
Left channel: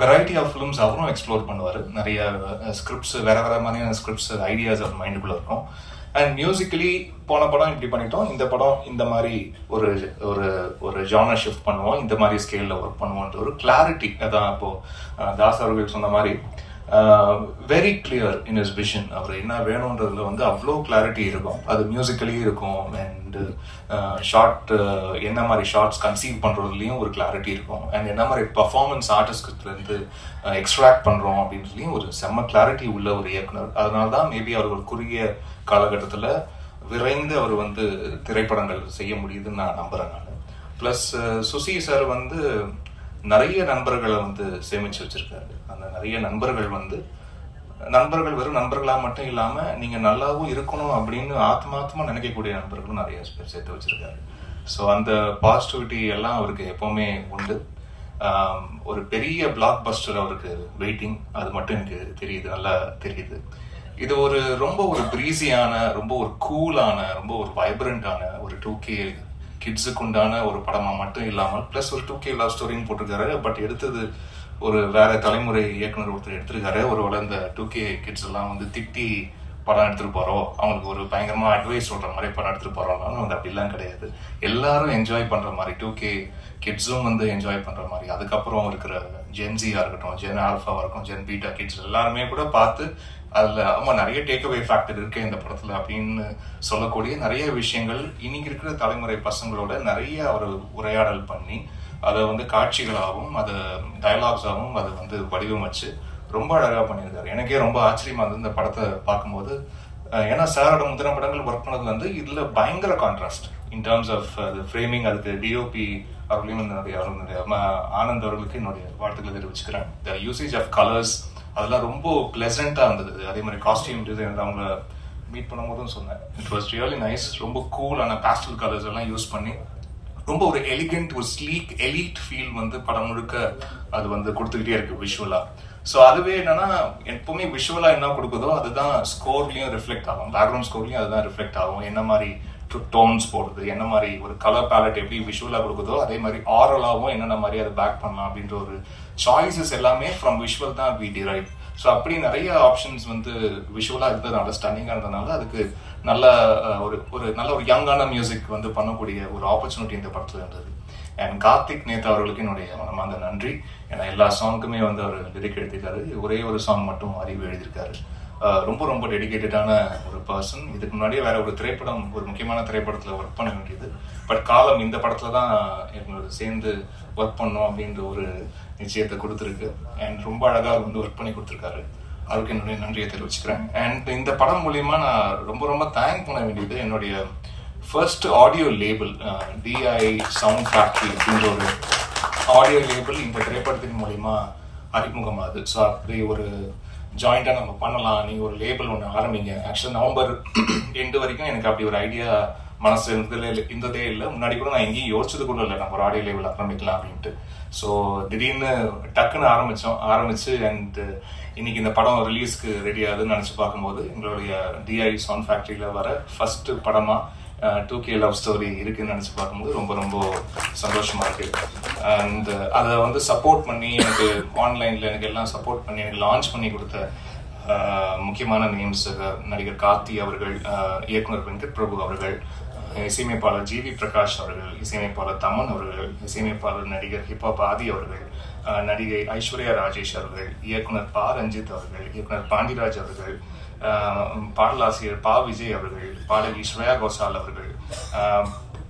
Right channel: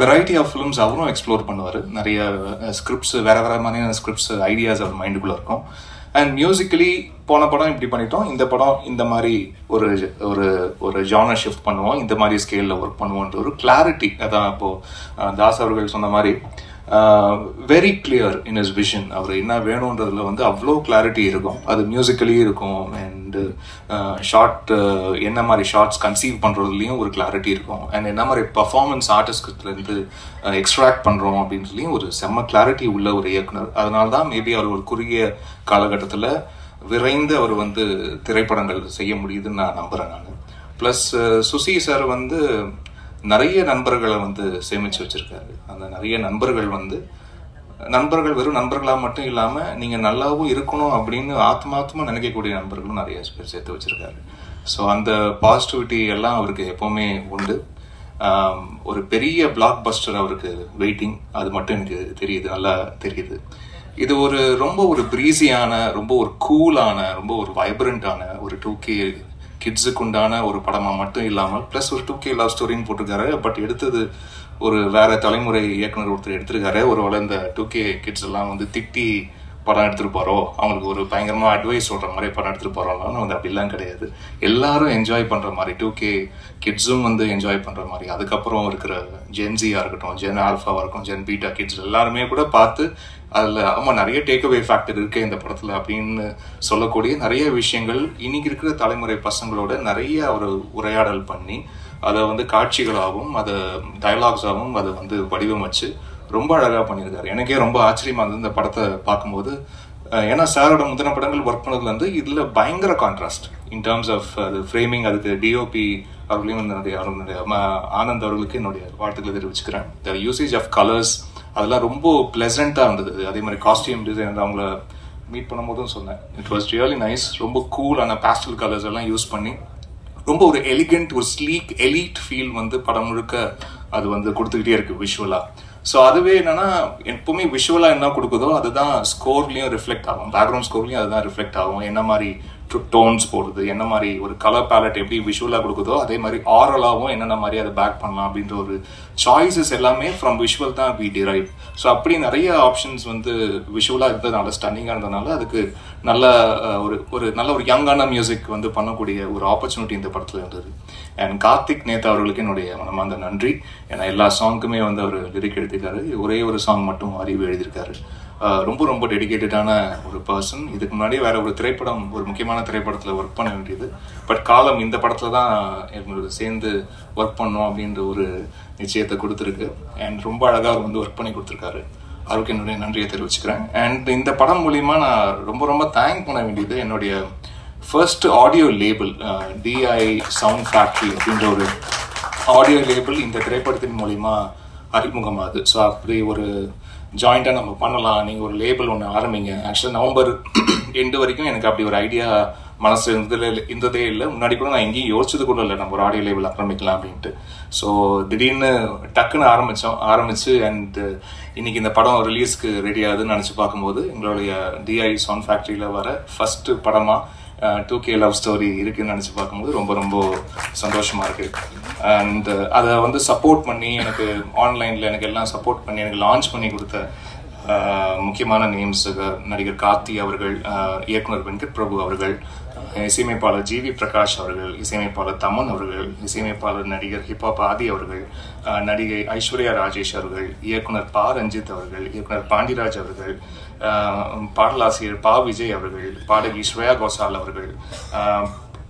வெரைட்டி ஆஃப் ஃபிலிம்ஸ் அவரும் எக்ஸ்ப்ளோர் பண்ணுவார். நிறைய ஸ்கிரிப்ட்ஸ், வேற வேற மாதிரியான ஸ்கிரிப்ட்ஸ், ஐடியாஸ் அவர் மைண்டுக்குள்ள இருக்கும். அண்ட் மியூசிக்கலி போன படம் இப்படி பண்ணிட்டோம், இந்த படம் இந்த மாதிரி ஒரு ஒரு ஒரு ஜானர் ஷிஃப்ட் பண்ணுவோம், இந்த மாதிரி ஸ்கேலில் ஒர்க் பண்ணுவோன்ற ஒரு கிளாரிட்டி. அதான் இப்போ தாஸ் அவர்கள் சொன்ன மாதிரி very clear in his vision. அவர் என்ன வேணும்ன்றதுல வந்து அவ்வளோ கிளாரிட்டி இருக்கும். அது மியூசிக்கலி இருக்கும் அண்ட் ஷார்ட் என்ன மாதிரி ஷார்ட்ஸ் கன்சீவ் பண்றதுலயும் ஒரு கிளாரிட்டி இருக்கும் அண்ட் என்ன மாதிரி பர்ஃபார்மன்ஸ் ஆர்டிஸ்ட்ல இருந்து எக்ஸ்ட்ராக்ட் பண்றோம் அப்படின்றதுலயும் ஒரு செம்ம கிளாரிட்டி உள்ள ஒரு இயக்குனர். அதனால்தான் மேபி அவர் ஒரு குறுகிய காலகட்டத்தில் விரைந்து அவர் வந்து திரைப்படங்கள் செய்ய முடியுதுன்னு நான் நம்புறேன். நான் பிளஸ் சுசி சார் வந்து நிறைய நண்பர்களை வந்து சேமிச்சு வச்சிருக்காரு. அந்த நிறைய நண்பர்கள் வந்து வெறும் நண்பர்களா மட்டும் இல்லாம நீங்க நல்லாவும் இருக்கணும் அப்படின்னு ஆத்மாத்மா நினைக்கக்கூடிய நண்பர்களும் நிறைய பேர் சேர்த்து வச்சிருக்காரு. ஸோ அந்த பாசிட்டிவிட்டி எல்லாம் அவருக்கு எப்பவுமே உண்டு. ஒரு பெரிய பிளாக் பஸ்டர் அவருக்கு வெயிட்டிங், அது மட்டும் எனக்கு தெரியுது, நல்லா தெரியுது. இது ரொம்ப ஒரு பிரீஸியான, ரொம்ப ஒரு கூலான, ரொம்ப ஒரு வைப்ரண்டான ஒரு 2K கிட்ஸுக்கு உண்டான ஒரு படமா மட்டும் இல்லாமல் பிளஸ் ஒரு 2K லவ் ஸ்டோரின்னு போட்டிருக்காரு. பட் எடுத்தது ஒரு வேற தலைமுறை இயக்குனர் ஒருத்தர் எடுத்திருக்காரு. ஒருவேளை இந்த 2K கிட்ஸ் எல்லாம் வந்து திட்டி படம் எடுத்துட்டு போறோம், அவங்களுக்கு ஒரு பயங்கரமா அட்வைஸ் சொல்ற மாதிரி படம் எடுத்துட்டு போறோம்னா வந்து அப்படிலாம் கிடையாது. எல்லாரும் என்ஜாய் பண்ற மாதிரி 2K கிட்ஸும் வந்து என்ஜாய் பண்ற மாதிரி, அதுக்கப்புறம் இருக்கிற ஜென்சியா இருக்கட்டும், ஜென் ஆல்ஃபாவா இருக்கட்டும், ஜென் பீட்டா கிட்ஸ் எல்லாருமே கூட பார்த்து அதுல நிறைய டேக் அவே ஃபேக்டர் இருக்கு இந்த படத்துல அப்படின்னு சொல்லக்கூடிய நிறைய விஷயங்கள் இன்னைக்கு இருக்கிற தலைமுறை பசங்களோட நிறைய ஒரு உரையாடல் பண்ணி அதை வந்து காட்சிகளாகவும் அதை டயலாக்ஸாகவும் அதை வந்து வடிவமைச்சு ரொம்ப அழகா பண்ணியிருக்காரு. எனக்கே ரொம்ப ஆச்சரியமா இருந்தது இந்த படத்தை பார்க்கும்போது. ஏன்னா சாரோட முந்தின படங்கள் ஒர்க் பண்ணதுல இருந்து இதுல பயங்கர கான்ட்ராஸ்ட் இன் டர்ம்ஸ் ஆஃப் அது ஃப்ரேமிங். அதுக்கு டிஓபி அவர்களையும் என்னுடைய ஆனந்த் அவர்களுக்கு என்னுடைய வாழ்த்துக்களை தெரிவிச்சுக்கிறேன். த யூசேஜ் ஆஃப் கலர்ஸ் அதெல்லாம் ரொம்ப பிளசண்டா இருந்தது. அதே மாதிரி காஸ்டியூம் டிசைனர் அவங்கள மீட் பண்ணும்போதும் சொன்னேன், இட் வாஸ் ரியலி நைஸ். ரொம்ப கூலான பேஸ்டல் கலர்ஸ் எல்லாம் யூஸ் பண்ணி ரொம்ப ஒரு எலிகென்ட், ஒரு ஸ்லீக் எலீட் ஃபீல் வந்து படம் முழுக்க அது வந்து கொடுத்துக்கிட்டே இருக்கு விஷுவலா. ஸோ அதுவே என்னன்னா எப்பவுமே விஷுவலா என்ன கொடுக்குதோ அதுதான் ஸ்கோர்லயும் ரிஃப்ளெக்ட் ஆகும், பேக்ரவுண்ட் ஸ்கோர்லயும் அதுதான் ரிஃப்ளெக்ட் ஆகும். என்ன மாதிரி டோன்ஸ் போடுறது, என்ன மாதிரி ஒரு கலர் பேலட் எப்படி விஷுவலா கொடுக்குதோ அதே மாதிரி ஆரலாவும் என்னென்ன மாதிரி அதை பேக் பண்ணலாம் அப்படின்ற ஒரு சாய்ஸஸ் எல்லாமே ஃப்ரம் விஷுவல் தான் வி டிரைவ். ஸோ அப்படி நிறைய ஆப்ஷன்ஸ் வந்து விஷுவலா இருந்ததுனால, ஸ்டன்னிங்கா இருந்ததுனால அதுக்கு நல்ல ஒரு யங்கான மியூசிக் வந்து பண்ணக்கூடிய ஒரு ஆப்பர்ச்சுனிட்டி இந்த படத்துல இருந்தது. அண்ட் கார்த்திக் நேதா அவர்களுக்கு என்னுடைய மனமார்ந்த நன்றி. ஏன்னா எல்லா சாங்குக்குமே வந்து அவர் லிரிக் எழுதியிருக்காரு. ஒரே ஒரு சாங் மட்டும் அறிவு எழுதியிருக்காரு. ரொம்ப ரொம்ப டெடிகேட்டடான ஒரு பர்சன். இதுக்கு முன்னாடியே வேற ஒரு திரைப்படம், ஒரு முக்கியமான திரைப்படத்துல ஒர்க் பண்ண வேண்டியது, பட் காலம் இந்த படத்துல தான் எங்களுக்கு சேர்ந்து ஒர்க் பண்ணோம் அப்படின்ற ஒரு நிச்சயத்தை கொடுத்துருக்கு. அண்ட் ரொம்ப அழகா வந்து ஒர்க் பண்ணி கொடுத்துருக்காரு. அவருக்கு என்னுடைய நன்றியை தெரிவிச்சுக்கிறேன். அண்ட் இந்த படம் மூலியமா நான் ரொம்ப ரொம்ப தேங்க் பண்ண வேண்டியது என்னுடைய first audio label DI sound factory அப்படின்ற ஒரு ஆடியோ லேபிள் இந்த திரைப்படத்தின் மூலியமா அறிமுகமாகுது. ஸோ அப்படி ஒரு ஜாயிண்டா நம்ம பண்ணலாம், நீங்க ஒரு லேபிள் ஒன்று ஆரம்பிங்க. ஆக்சுவலா நவம்பர் எண்டு வரைக்கும் எனக்கு அப்படி ஒரு ஐடியா மனசு இருந்ததே இல்லை. முன்னாடி கூட நான் எங்கேயும் யோசிச்சது கூட இல்லை நம்ம ஒரு ஆடியோ லேபிள் ஆரம்பிக்கலாம் அப்படின்ட்டு. ஸோ திடீர்னு டக்குன்னு ஆரம்பிச்சு அண்ட் இன்னைக்கு இந்த படம் ரிலீஸ்க்கு ரெடி ஆகுதுன்னு நினைச்சு பார்க்கும்போது எங்களுடைய DI சவுண்ட் ஃபேக்டரியில வர ஃபர்ஸ்ட் படமா 2K லவ் ஸ்டோரி இருக்குன்னு நினைச்சு பார்க்கும்போது ரொம்ப ரொம்ப சந்தோஷமா இருக்கு. அண்ட் அதை வந்து சப்போர்ட் பண்ணி எனக்கு ஆன்லைன்ல எனக்கு எல்லாம் சப்போர்ட் பண்ணி எனக்கு லான்ச் பண்ணி கொடுத்த முக்கியமான நேம்ஸ் நடிகர் கார்த்தி அவர்கள், இயக்குனர் வெங்கட் பிரபு அவர்கள், இசையமைப்பாளர் GV பிரகாஷ் அவர்கள், இசையமைப்பாளர் தமன் அவர்கள், இசையமைப்பாளர் நடிகர் ஹிப்ஹாப் ஆதி அவர்கள், நடிகை ஐஸ்வர்யா ராஜேஷ் அவர்கள், இயக்குனர் பா ரஞ்சித் அவர்கள், இயக்குனர் பாண்டிராஜ் அவர்கள், பாடலாசிரியர் பா விஜய் அவர்கள், பாடகி ஸ்ரேயா கோசால் அவர்கள்,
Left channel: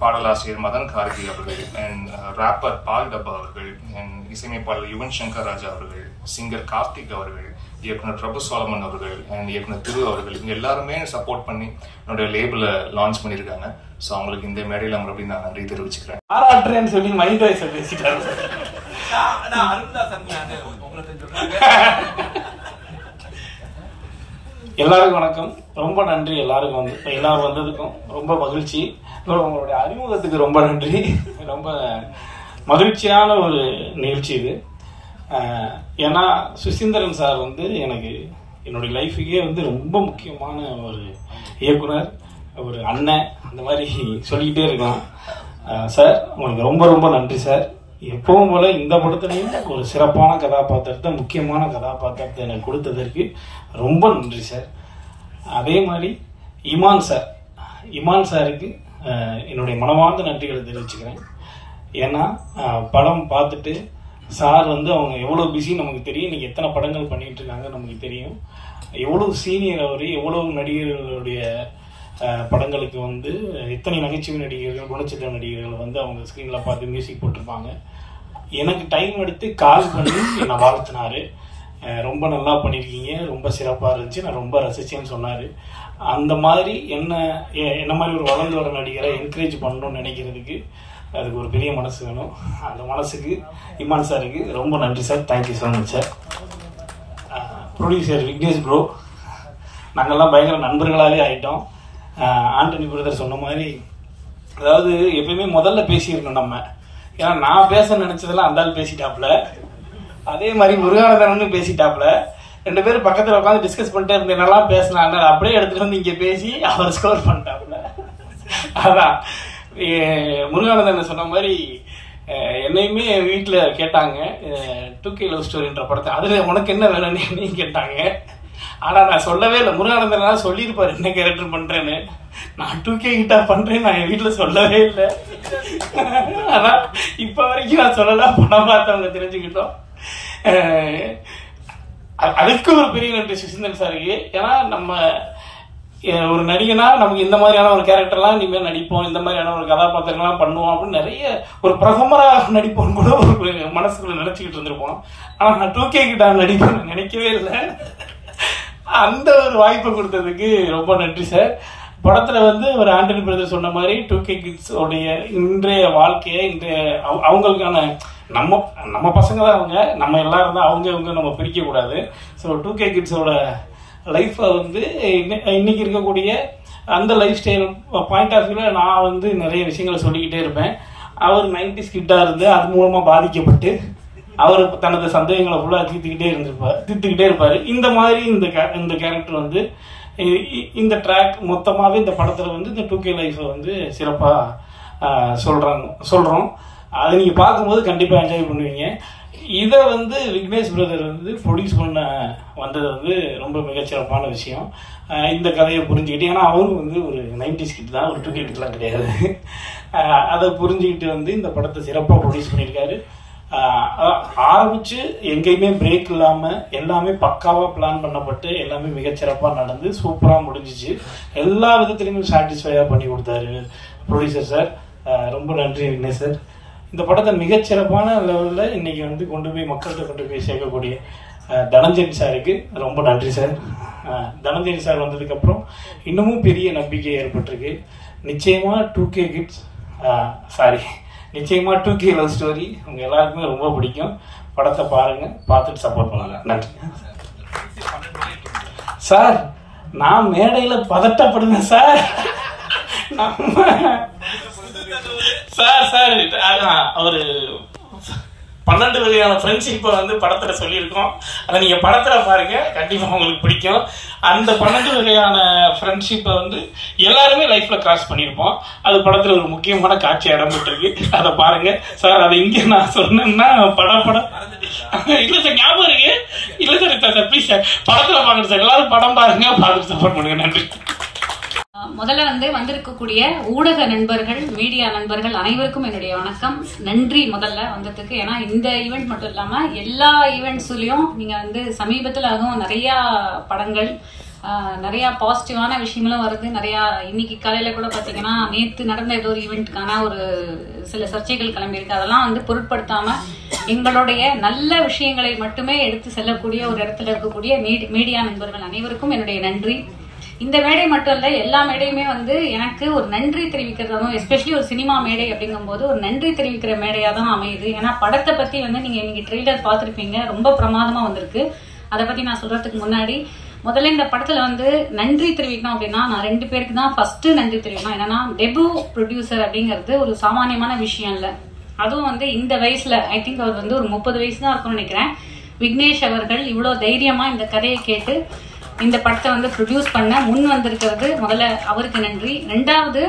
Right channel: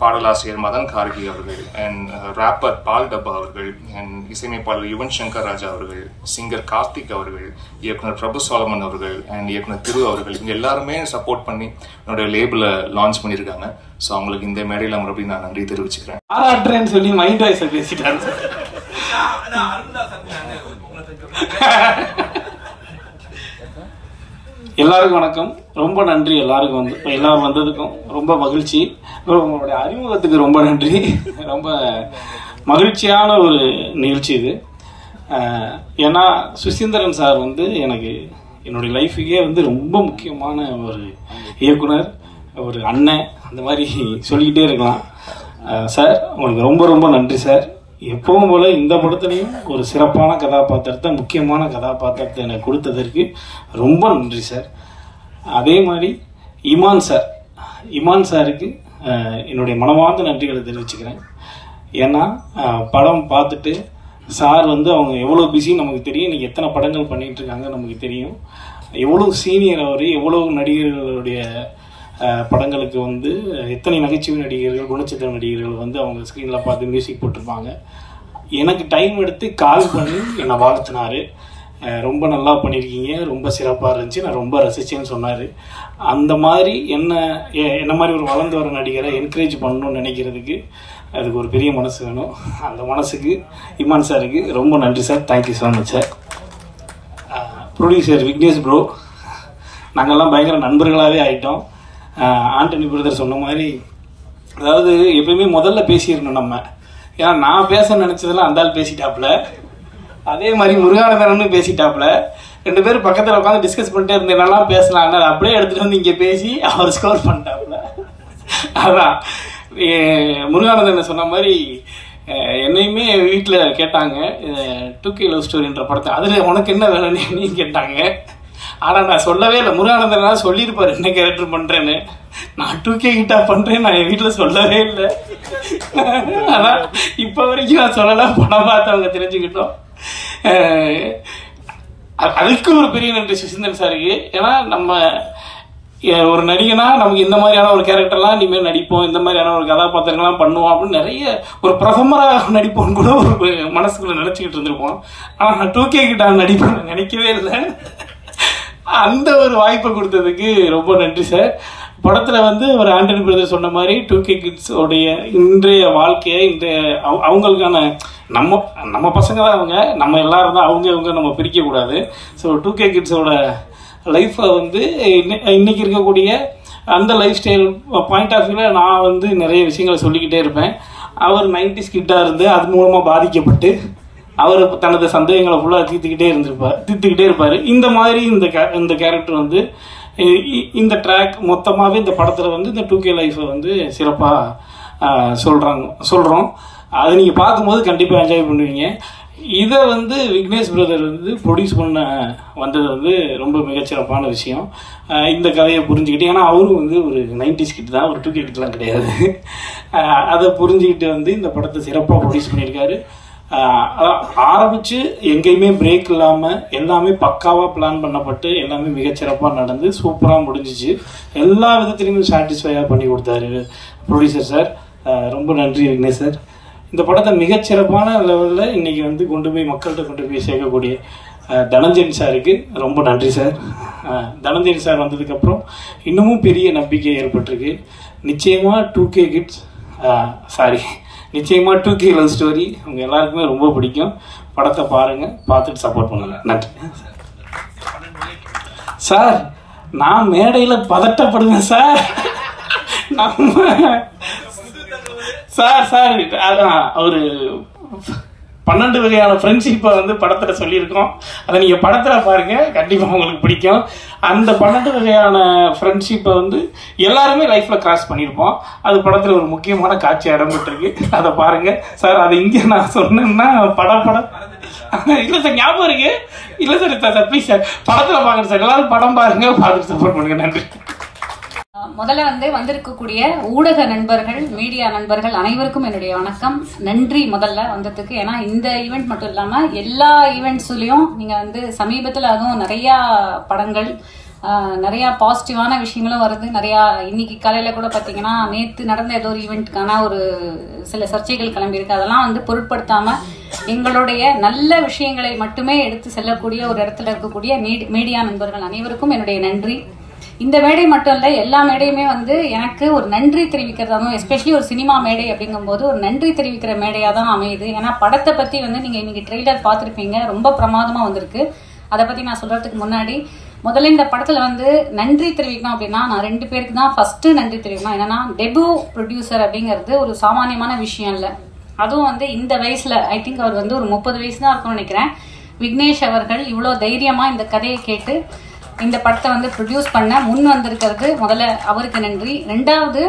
பாடலாசிரியர் மதன் கார்கி அவர்கள், அண்ட் ராப்பர் பால் டப்பா அவர்கள், அண்ட் இசையமைப்பாளர் யுவன் சங்கர் ராஜா அவர்கள், சிங்கர் கார்த்திக் அவர்கள், இயக்குனர் பிரபு சோலமன் அவர்கள், அண்ட் இயக்குனர் திரு அவர்கள், இவங்க எல்லாருமே சப்போர்ட் பண்ணி என்னோட லேபிள லான்ச் பண்ணியிருக்காங்க. ஸோ அவங்களுக்கு இந்த மேடையில் மறுபடியும் நான் நன்றி தெரிவிச்சுக்கிறேன். பாராட்டுறேன்னு சொல்லி மைண்ட் வாய்ஸ் பேசிட்டாரு. எல்லாருக்கும் வணக்கம், ரொம்ப நன்றி. எல்லாரும் வந்ததுக்கும் ரொம்ப மகிழ்ச்சி. உங்களுடைய அறிமுகத்துக்கு ரொம்ப நன்றி. ரொம்ப மகிழ்ச்சியான ஒரு நிகழ்ச்சி இது. ஏன்னா சுசீந்திரன் சார் வந்து எனக்கு என்னுடைய லைஃபுக்கே வந்து ரொம்ப முக்கியமான ஒரு இயக்குனர், ஒரு அண்ணன், அந்த மாதிரி சொல்லிக்கிட்டே இருக்கலாம். சார் உங்களுக்கு ரொம்ப ரொம்ப நன்றி சார். எப்பவும் போல இந்த படத்துலையும் ஒரு சிறப்பான கதாபாத்திரத்தை, முக்கியமான கதாபாத்திரத்தை எனக்கு கொடுத்ததற்கு ரொம்ப நன்றி சார். அதே மாதிரி இமான் சாருக்கு என்னுடைய மனமார்ந்த நன்றிகளை தெரிவிச்சுக்கிறேன். ஏன்னா படம் பார்த்துட்டு சார் வந்து அவங்க எவ்வளோ பிஸி நமக்கு தெரியும், இன்றைக்கி எத்தனை படங்கள் பண்ணிகிட்டு இருக்காங்க நமக்கு தெரியும். எவ்வளோ சீனியர் அவர், எவ்வளோ நடிகர்களுடைய படங்களுக்கு வந்து எத்தனை நகைச்சுவை நடிகர்கள், குணச்சித்திர நடிகர்கள் வந்து அவங்க ஸ்க்ரீனில் பார்த்து மியூசிக் போட்டிருப்பாங்க. எனக்கு டைம் எடுத்து கால் பண்ணி என்னை வாழ்த்தினார். ரொம்ப நல்லா பண்ணியிருக்கீங்க, ரொம்ப சிறப்பாக இருந்துச்சு, நான் ரொம்ப ரசித்தேன்னு சொன்னார். அந்த மாதிரி என்ன மாதிரி ஒரு வளர்ந்து வர நடிகரை என்கரேஜ் பண்ணணும்னு நினைக்கிறதுக்கு அதுக்கு ஒரு பெரிய மனசு வேணும். அந்த மனசுக்கு இமான் சாருக்கு ரொம்ப நன்றி sir. Thank you so much sir. Producer Vignesh bro, நாங்கள்லாம் பயங்கர நண்பர்களாகவே ஆகிட்டோம். ஆண்டனி பிரதர் சொன்ன மாதிரி, அதாவது எப்பயுமே முதல்ல பேசிடணும் நம்ம. ஏன்னா நான் பேச நினச்சதெல்லாம் அந்த ஆள் பேசிட்டாப்புல, அதே மாதிரி முருகானந்தரம்னு பேசிட்டாப்புல. 2 பேரும் பக்கத்தில் உட்காந்து டிஸ்கஸ் பண்ணிட்டே இருந்தேனாலாம் பேசலாம், அப்படியே எடுத்துகிட்டு வந்து இங்கே பேசி அவர் ஸ்கோர் பண்ணிட்டாப்புல. அதான் முருகானந்தன் சொன்ன மாதிரி என்னையுமே வீட்டில் கேட்டாங்க 2K லவ் ஸ்டோரின்ற படத்தை, அதில் உனக்கு என்ன வேலைன்னு கேட்டாங்க. ஆனால் நான் சொல்லவே இல்லை. முருகானந்தன் சொல்லியிருப்பார் என்ன கேரக்டர் பண்ணுறேன்னு. நான் 2K கிட்டா பண்ணுறேன், நான் என் வீட்டில் சொல்லவே இல்லை. அதான் இப்போ வரைக்கும் நான் சொல்லலாம், படம் பார்த்தவங்க தெரிஞ்சுக்கிட்டோம். அதுக்கு ஒரு பெரிய நன்றி சுசீந்திரன் சாருக்கு. ஏன்னா நம்ம ஒரு நடிகனா நமக்கு இந்த மாதிரியான ஒரு கேரக்டர்லாம் இனிமேல் நடிப்போம், இந்த மாதிரியான ஒரு கதாபாத்திரங்கள்லாம் பண்ணுவோம் அப்படின்னு நிறைய ஒரு பிரதமராக நடிப்போம்னு கூட ஒரு மனசுக்குள்ள நினைச்சுக்கிட்டு இருந்திருப்போம். ஆனால் நான் 2K கிட்ட நடிப்பேன் நினைக்கவே இல்லை. அந்த ஒரு வாய்ப்பை கொடுத்ததுக்கு ரொம்ப நன்றி சார். படத்தில் வந்து ஒரு ஆண்டனி பிரதர் சொன்ன மாதிரி 2K கிட்ஸ் உடைய இன்றைய வாழ்க்கையை, இன்றைய அவங்களுக்கான நம்ம பசங்க தான் அவங்க, நம்ம எல்லாரும் தான் அவங்க நம்ம பிரிக்கக்கூடாது. ஸோ 2K கிட்ஸோட லைஃப்பை வந்து இன்னைக்கு இருக்கக்கூடிய அந்த லைஃப் ஸ்டைல் பாயிண்ட் ஆஃப் வியூவில் நான் வந்து நிறைய விஷயங்களை சொல்லிக்கிட்டே இருப்பேன். அவர் 90s கிட்டாக இருந்து அது மூலமாக பாதிக்கப்பட்டு அவர் தனது சந்தேகங்களை ஃபுல்லாக தீர்த்துக்கிட்டே இருப்பார். இந்த மாதிரி இந்த கேரக்டர் வந்து இந்த ட்ராக் மொத்தமாகவே இந்த படத்தில் வந்து இந்த 2K லைஃப்பை வந்து சிறப்பாக சொல்கிறோம். அதை நீங்கள் பார்க்கும்போது கண்டிப்பாக என்ஜாய் பண்ணுவீங்க. இதை வந்து விக்னேஷ் பிரதர் வந்து ப்ரொடியூஸ் பண்ண வந்தது வந்து ரொம்ப மிகச்சிறப்பான விஷயம். இந்த கதையை புரிஞ்சுக்கிட்டு, ஏன்னா அவரும் வந்து ஒரு 90s கிட் தான், ஒரு 2K கிட்லாம் கிடையாது. அதை புரிஞ்சுக்கிட்டு வந்து இந்த படத்தை சிறப்பாக ப்ரொடியூஸ் பண்ணியிருக்காரு. ஆரம்பித்து எங்கேயுமே பிரேக் இல்லாமல் எல்லாமே பக்காவாக பிளான் பண்ணப்பட்டு எல்லாமே மிகச்சிறப்பாக நடந்து சூப்பராக முடிஞ்சிச்சு. எல்லா விதத்துலையுமே சாட்டிஸ்ஃபையாக பண்ணி கொடுத்தாரு ப்ரொடியூசர் சார். ரொம்ப நன்றி விக்னேஷ் சார். இந்த படத்தை மிகச்சிறப்பான லெவலில் இன்றைக்கி வந்து மக்கள்கிட்ட கொண்டு போய் சேர்க்கக்கூடிய தனஞ்சயன் சாருக்கு ரொம்ப நன்றி சார். தனஞ்சயன் சார் வந்ததுக்கப்புறம் இன்னமும் பெரிய நம்பிக்கை ஏற்பட்டிருக்கு. நிச்சயமாக 2K கிட்ஸ் நிச்சயமாக 2K லவ் ஸ்டோரி உங்கள் எல்லாருக்குமே ரொம்ப பிடிக்கும். படத்தை பாருங்கள், பார்த்துட்டு சப்போர்ட் பண்ணுங்க. நன்றி சார். நான் மேடையில் பதட்டப்படுவேன் சார். சார் அதான் ஒரு 12 வகையான ஃப்ரெண்ட்ஷிப்பை வந்து படத்தில் சொல்லியிருக்கோம். அதை நீங்கள் படத்தில் பாருங்க, கண்டிப்பாக உங்களுக்கு பிடிக்கும். அந்த 12 வகையான ஃப்ரெண்ட்ஷிப்பை வந்து எல்லாருமே லைஃப்பில் கிராஸ் பண்ணியிருப்போம். அது படத்தில் ஒரு முக்கியமான காட்சி இடம்பெற்றிருக்கு, அதை பாருங்க சார். அதை இங்கே நான் சொன்னேன்னா படம் இல்லை சார், ஞாபகம் இருக்கு. இல்லை சார் ப்ளீஸ் சார் படத்தில் பாருங்க சார். எல்லாரும் படம் பாருங்க, பார்த்துட்டு சப்போர்ட் பண்ணுங்க. நன்றி. முதல்ல வந்திருக்கக்கூடிய ஊடக நண்பர்கள், மீடியா நண்பர்கள் அனைவருக்கும் என்னுடைய வணக்கம். நன்றி முதல்ல வந்ததுக்கு. ஏன்னா இந்த ஈவெண்ட் மட்டும் இல்லாம எல்லா ஈவெண்ட்ஸ்லயும் நீங்க சமீபத்தில் அதுவும் நிறைய படங்கள், நிறைய பாசிட்டிவான விஷயங்களும் வருது. நிறைய இன்னைக்கு காலையில கூட பாத்தீங்கன்னா நேற்று நடந்த ஏதோ ஒரு ஈவெண்ட்டுக்கான ஒரு சில சர்ச்சைகள் கிளம்பியிருக்கு. அதெல்லாம் பொருட்படுத்தாம எங்களுடைய நல்ல விஷயங்களை மட்டுமே எடுத்து செல்லக்கூடிய ஒரு இடத்துல இருக்கக்கூடிய மீடியா நண்பர்கள் அனைவருக்கும் என்னுடைய நன்றி. இந்த மேடை மட்டும் இல்ல, எல்லா மேடையுமே எனக்கு ஒரு நன்றி தெரிவிக்கிறதாவும், எஸ்பெஷலி ஒரு சினிமா மேடை அப்படிங்கும் போது ஒரு நன்றி தெரிவிக்கிற மேடையா தான் அமையுது. ஏன்னா படத்தை பத்தி நீங்க இன்னைக்கு ட்ரெய்லர் பார்த்திருப்பீங்க, ரொம்ப பிரமாதமா வந்திருக்கு. அதை பத்தி நான் சொல்றதுக்கு முன்னாடி முதல்ல இந்த படத்துல நன்றி தெரிவிக்கணும் அப்படின்னா நான் 2 பேருக்கு தான் ஃபர்ஸ்ட் நன்றி தெரிவிக்கணும். என்னன்னா டெபு ப்ரொடியூசர் அப்படிங்கிறது ஒரு சாமானியமான விஷயம் இல்ல. அதுவும் இந்த வயசுல, ஐ திங்க் அவர் ஒரு 30 வயசு தான் இருக்கும்னு நினைக்கிறேன். விக்னேஷ் அவர்கள் இவ்வளவு தைரியமா இந்த கதையை கேட்டு இந்த படத்தை ப்ரொடியூஸ் பண்ண முன் வந்திருக்கிறது முதல்ல அவருக்கு நன்றி. 2வது,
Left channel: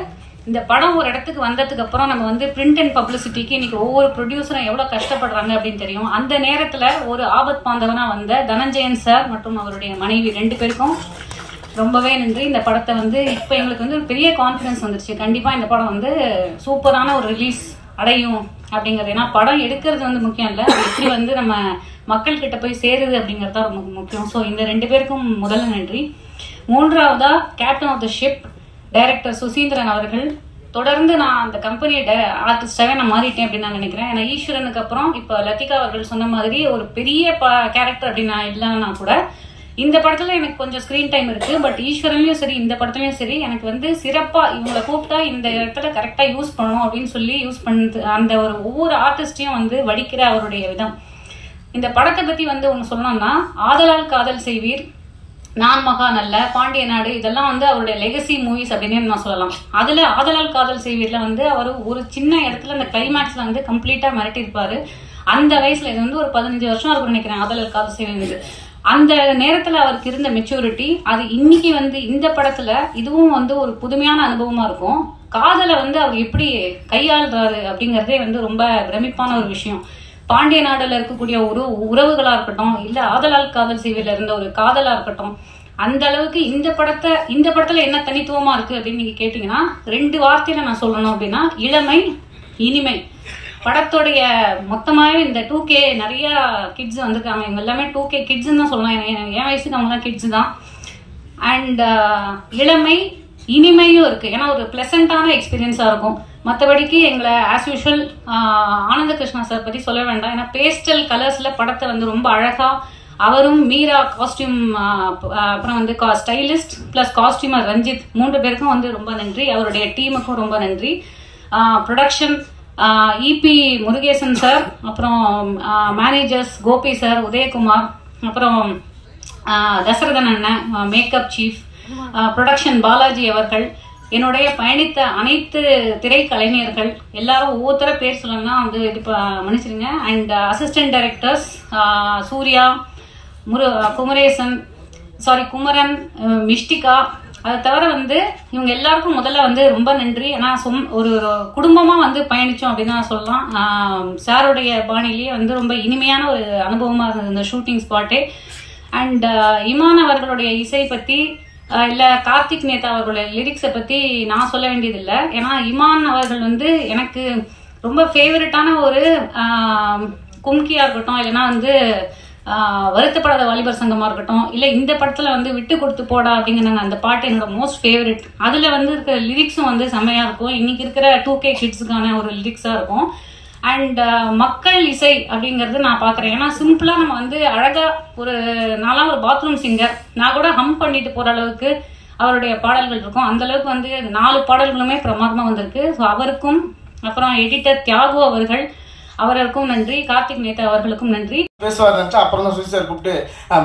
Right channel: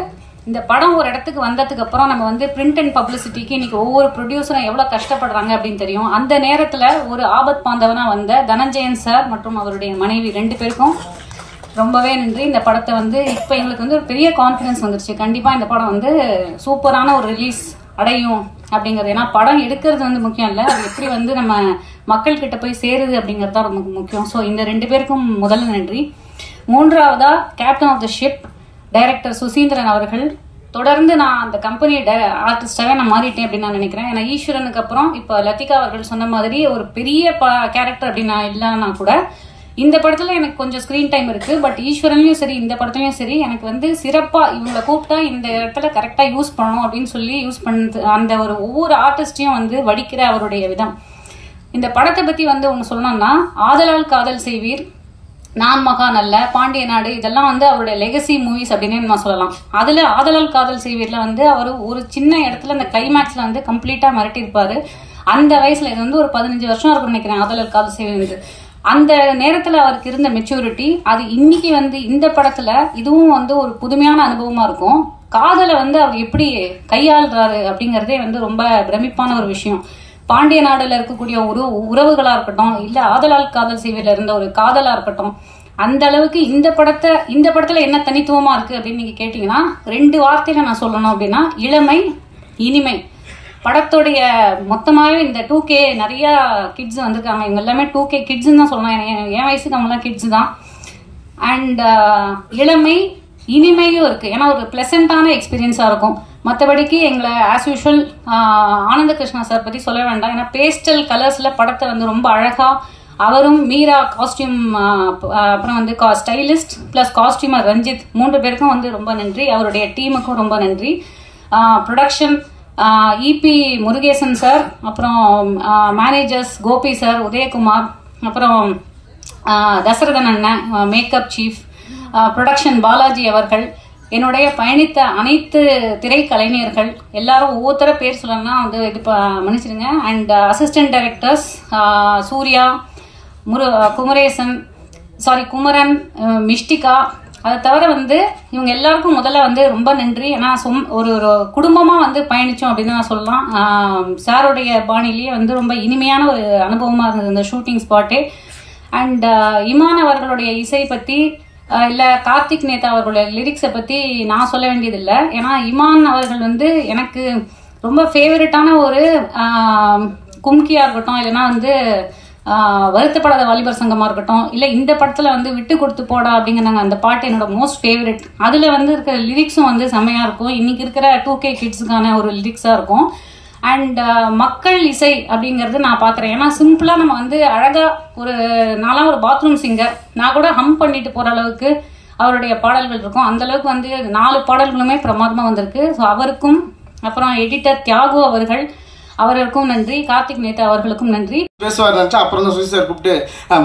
இந்த படம் ஒரு இடத்துக்கு வந்ததுக்கு அப்புறம் நம்ம பிரிண்ட் அண்ட் பப்ளிசிட்டிக்கு இன்னைக்கு ஒவ்வொரு ப்ரொடியூசரும் எவ்வளவு கஷ்டப்படுறாங்க அப்படின்னு தெரியும். அந்த நேரத்துல ஒரு ஆபத் பாந்தவனா வந்த தனஞ்சயன் சார் மற்றும் அவருடைய மனைவி 2 பேருக்கும் ரொம்பவே நன்றி. இந்த படத்தை இப்ப எங்களுக்கு ஒரு பெரிய கான்பிடன்ஸ் வந்துருச்சு. கண்டிப்பா இந்த படம் சூப்பரான ஒரு ரிலீஸ் அடையும் அப்படிங்கிறது. ஏன்னா படம் எடுக்கிறது வந்து முக்கியம் இல்லை, அது எப்படி வந்து நம்ம மக்கள் கிட்ட போய் சேருது அப்படிங்கிறது தான் ரொம்ப முக்கியம். ஸோ இந்த 2 பேருக்கும் முதல்ல நன்றி. 3வதா captain of the ship director Suseenthiran அவர்கள். தொடர்ந்து நான் அந்த கம்பெனி ஆர்டிஸ்டாக நான் மாறிட்டேன் அப்படின்னு நான் நினைக்கிறேன். ஏன்னா ஈஸ்வரனுக்கு அப்புறம் இப்போ லத்திகா அவர்கள் சொன்ன மாதிரி ஒரு பெரிய கேரக்டர் அப்படின்னு நான் இல்லைன்னா கூட இந்த படத்துல எனக்கு கொஞ்சம் ஸ்கிரீன் டைம் இருக்கு. பட் ஈஸ்வரன்லயும் சரி இந்த படத்துலயும் சரி எனக்கு வந்து சிறப்பா இவங்களை கூப்பிட்டா இந்த இடத்துல கரெக்டா யூஸ் பண்ணணும் அப்படின்னு சொல்லி யூஸ் பண்ணது அந்த ஒரு ஒவ்வொரு ஆர்டிஸ்டையும் வந்து வடிக்கிற அவருடைய விதம். இந்த படத்தை பத்தி வந்து அவங்க சொல்லணும்னா ஆதலால் காதல் செய்வீர், நான் மகா நல்ல, பாண்டிய நாடு இதெல்லாம் வந்து அவருடைய லெகசி மூவிஸ் அப்படின்னு நான் சொல்லலாம். அதுல ஆதலால் காதல் செய்வீர்ல வந்து அவர் ஒரு சின்ன இடத்துல அந்த கிளைமேக்ஸ்ல வந்து கம்ப்ளீட்டா மிரட்டி இருப்பாரு. அந்த வயசுல இது வந்து ஒரு 15 வருஷம் இருக்கும் நினைக்கிறேன் ஆதலால் காதல் செய்வீர். அந்த நேரத்துல அவருக்கு இருந்த மெச்சூரிட்டி அது இன்னைக்கு வந்து இந்த படத்துல இதுவும் வந்து ஒரு புதுமையான அனுபவமா இருக்கும். காதலை வந்து அவர் எப்படி கையாளுறாரு அப்படிங்கறதே வந்து ரொம்ப பிரமிப்பான ஒரு விஷயம். பாண்டிய நாடுல இருக்கக்கூடிய ஒரு உறவுகளா இருக்கட்டும், இல்ல ஆதலால் காதல் செய்வதில் இருந்த ஒரு காதலா இருக்கட்டும், அந்த அளவுக்கு இந்த படத்துல என்ன தனித்துவமா இருக்கு அப்படின்னு நீங்க கேட்டீங்கன்னா 2 வார்த்தையில நான் சொல்லணும் அப்படின்னா இளமை, இனிமை. படத்துடைய மொத்தமாவே இந்த 2K நிறைய கிட்ஸ் வந்திருக்காங்க. இவங்க எல்லாமே 2K கிட்ஸ் தான் சொல்லலாம். என் வயசுக்கு நம்ம எல்லாம் கிட்ஸ் தான். அண்ட் இளமை இனிமையும் இருக்கு. ஏன்னா ஒரு பிளசண்டான எக்ஸ்பீரியன்ஸா இருக்கும். மற்றபடிக்கு எங்களை ஆஸ் யூஷுவல் ஆனந்த கிருஷ்ணா சார் பத்தி சொல்ல வேண்டாம். ஏன்னா பேஸ்டல் கலர்ஸ்ல படத்தை வந்து ரொம்ப அழகா அவரும் மீரா காஸ்டியூம் அப்புறம் வந்து ஸ்டைலிஸ்ட் பிளஸ் காஸ்டியூமர் ரஞ்சித் 3 பேருக்கும் வந்து ரொம்ப நன்றி. அவருடைய டீமுக்கும் ரொம்ப நன்றி. ப்ரொடக்ஷன் இபி முருகேசன் சார், அப்புறம் மேனேஜர்ஸ் கோபி சார், உதயகுமார், அப்புறம் தசரதன் அண்ணன் மேக்கப் சீஃப், ப்ரொடக்ஷன் பாலாஜி அவர்கள், என்னுடைய பயணித்த அனைத்து திரைக்கலைஞர்கள் எல்லாரும் ஒவ்வொருத்தர பேர் சொல்லணும்னா வந்து இது மன்னிச்சிருங்க. And assistant directors Surya, Kumaran, Mishtika, அதை தவிர வந்து இவங்க எல்லாருக்கும் முதல்ல வந்து ரொம்ப நன்றி. ஏன்னா ஒரு குடும்பமா வந்து பயணிச்சோம் அப்படின்னு நான் சொல்லலாம். சாருடைய பாணிலேயே வந்து ரொம்ப இனிமையான ஒரு அனுபவமா இருந்தது இந்த ஷூட்டிங் ஸ்பாட்டே. அண்ட் இமான் அவர்களுடைய இசை பத்தி இல்ல கார்த்திக் நேதா அவர்களுடைய லிரிக்ஸை பத்தி நான் சொல்ல வேண்டியது இல்லை. ஏன்னா இமான் அவர்கள் வந்து எனக்கு ரொம்ப ஃபேவரட்டான ஒரு கும்கியா இருக்கட்டும், இல்லைன்னா வந்து வருத்தப்படாத வாலிபர் சங்கமா இருக்கட்டும், இல்ல இந்த படத்துல வந்து விட்டு கொடுத்து போடா அப்படிங்கிறாங்க அந்த பாட்டு என்னோட மோஸ்ட் ஃபேவரட். அதுல வந்து இருக்கிற லிரிக்ஸும் வந்து செம்மையா இருக்கும். இன்னைக்கு இருக்கிற 2K கிட்ஸுக்கான ஒரு லிரிக்ஸா இருக்கும். அண்ட் மக்கள் இசை அப்படிங்கறது நான் பாக்குறேன். ஏன்னா சிம்பிளா நம்ம வந்து அழகா நான்லாம் ஒரு பாத்ரூம் சிங்கர், நான் கூட ஹம் பண்ணிட்டு போற அளவுக்கு அவருடைய பாடல்கள் இருக்கும். அந்த அளவுக்கு வந்து 4 பாடல்களுமே பிரமாதமா வந்திருக்கு. ஸோ அவருக்கும், அப்புறம் எடிட்டர் தியாகு அவர்களுக்கும் நன்றி, கார்த்திக் நேதா அவர்களுக்கும் நன்றி. பேசுவார் நினைச்சா அப்புறம் தான் சுசி சார் கூப்பிட்டு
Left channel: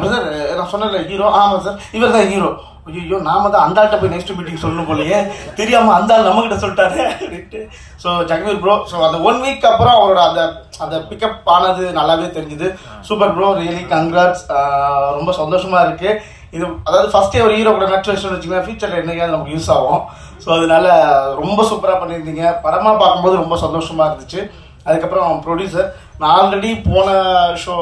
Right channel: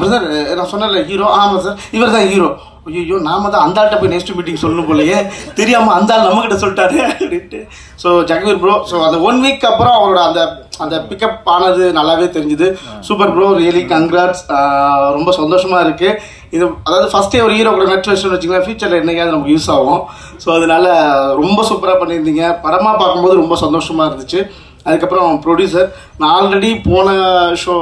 பிரதர் நான் சொன்னல ஹீரோ, ஆமா சார் இவர் தான் ஹீரோ. ஐயோ நாம தான் அந்த ஆள்கிட்ட போய் நெக்ஸ்ட் மீட்டிங் சொல்லணும் போலயே, தெரியாம அந்த ஆள் நம்ம கிட்ட சொல்லிட்டாரு அப்படின்ட்டு. ஸோ ஜகவீர் ப்ரோ, ஸோ அந்த 1 வீக் அப்புறம் அவரோட அந்த பிக்கப் ஆனது நல்லாவே தெரிஞ்சுது. Super bro, really congrats. ரொம்ப சந்தோஷமா இருக்கு. இது அதாவது ஃபர்ஸ்டே ஒரு ஹீரோ கூட நட்சு வச்சுன்னு வச்சுக்கலாம், ஃபியூச்சர்ல என்னைக்காவது நமக்கு யூஸ் ஆகும். ஸோ அதனால ரொம்ப சூப்பரா பண்ணியிருந்தீங்க. படமா பார்க்கும்போது ரொம்ப சந்தோஷமா இருந்துச்சு. அதுக்கப்புறம் ப்ரொடியூசர், நான் ஆல்ரெடி போன ஷோ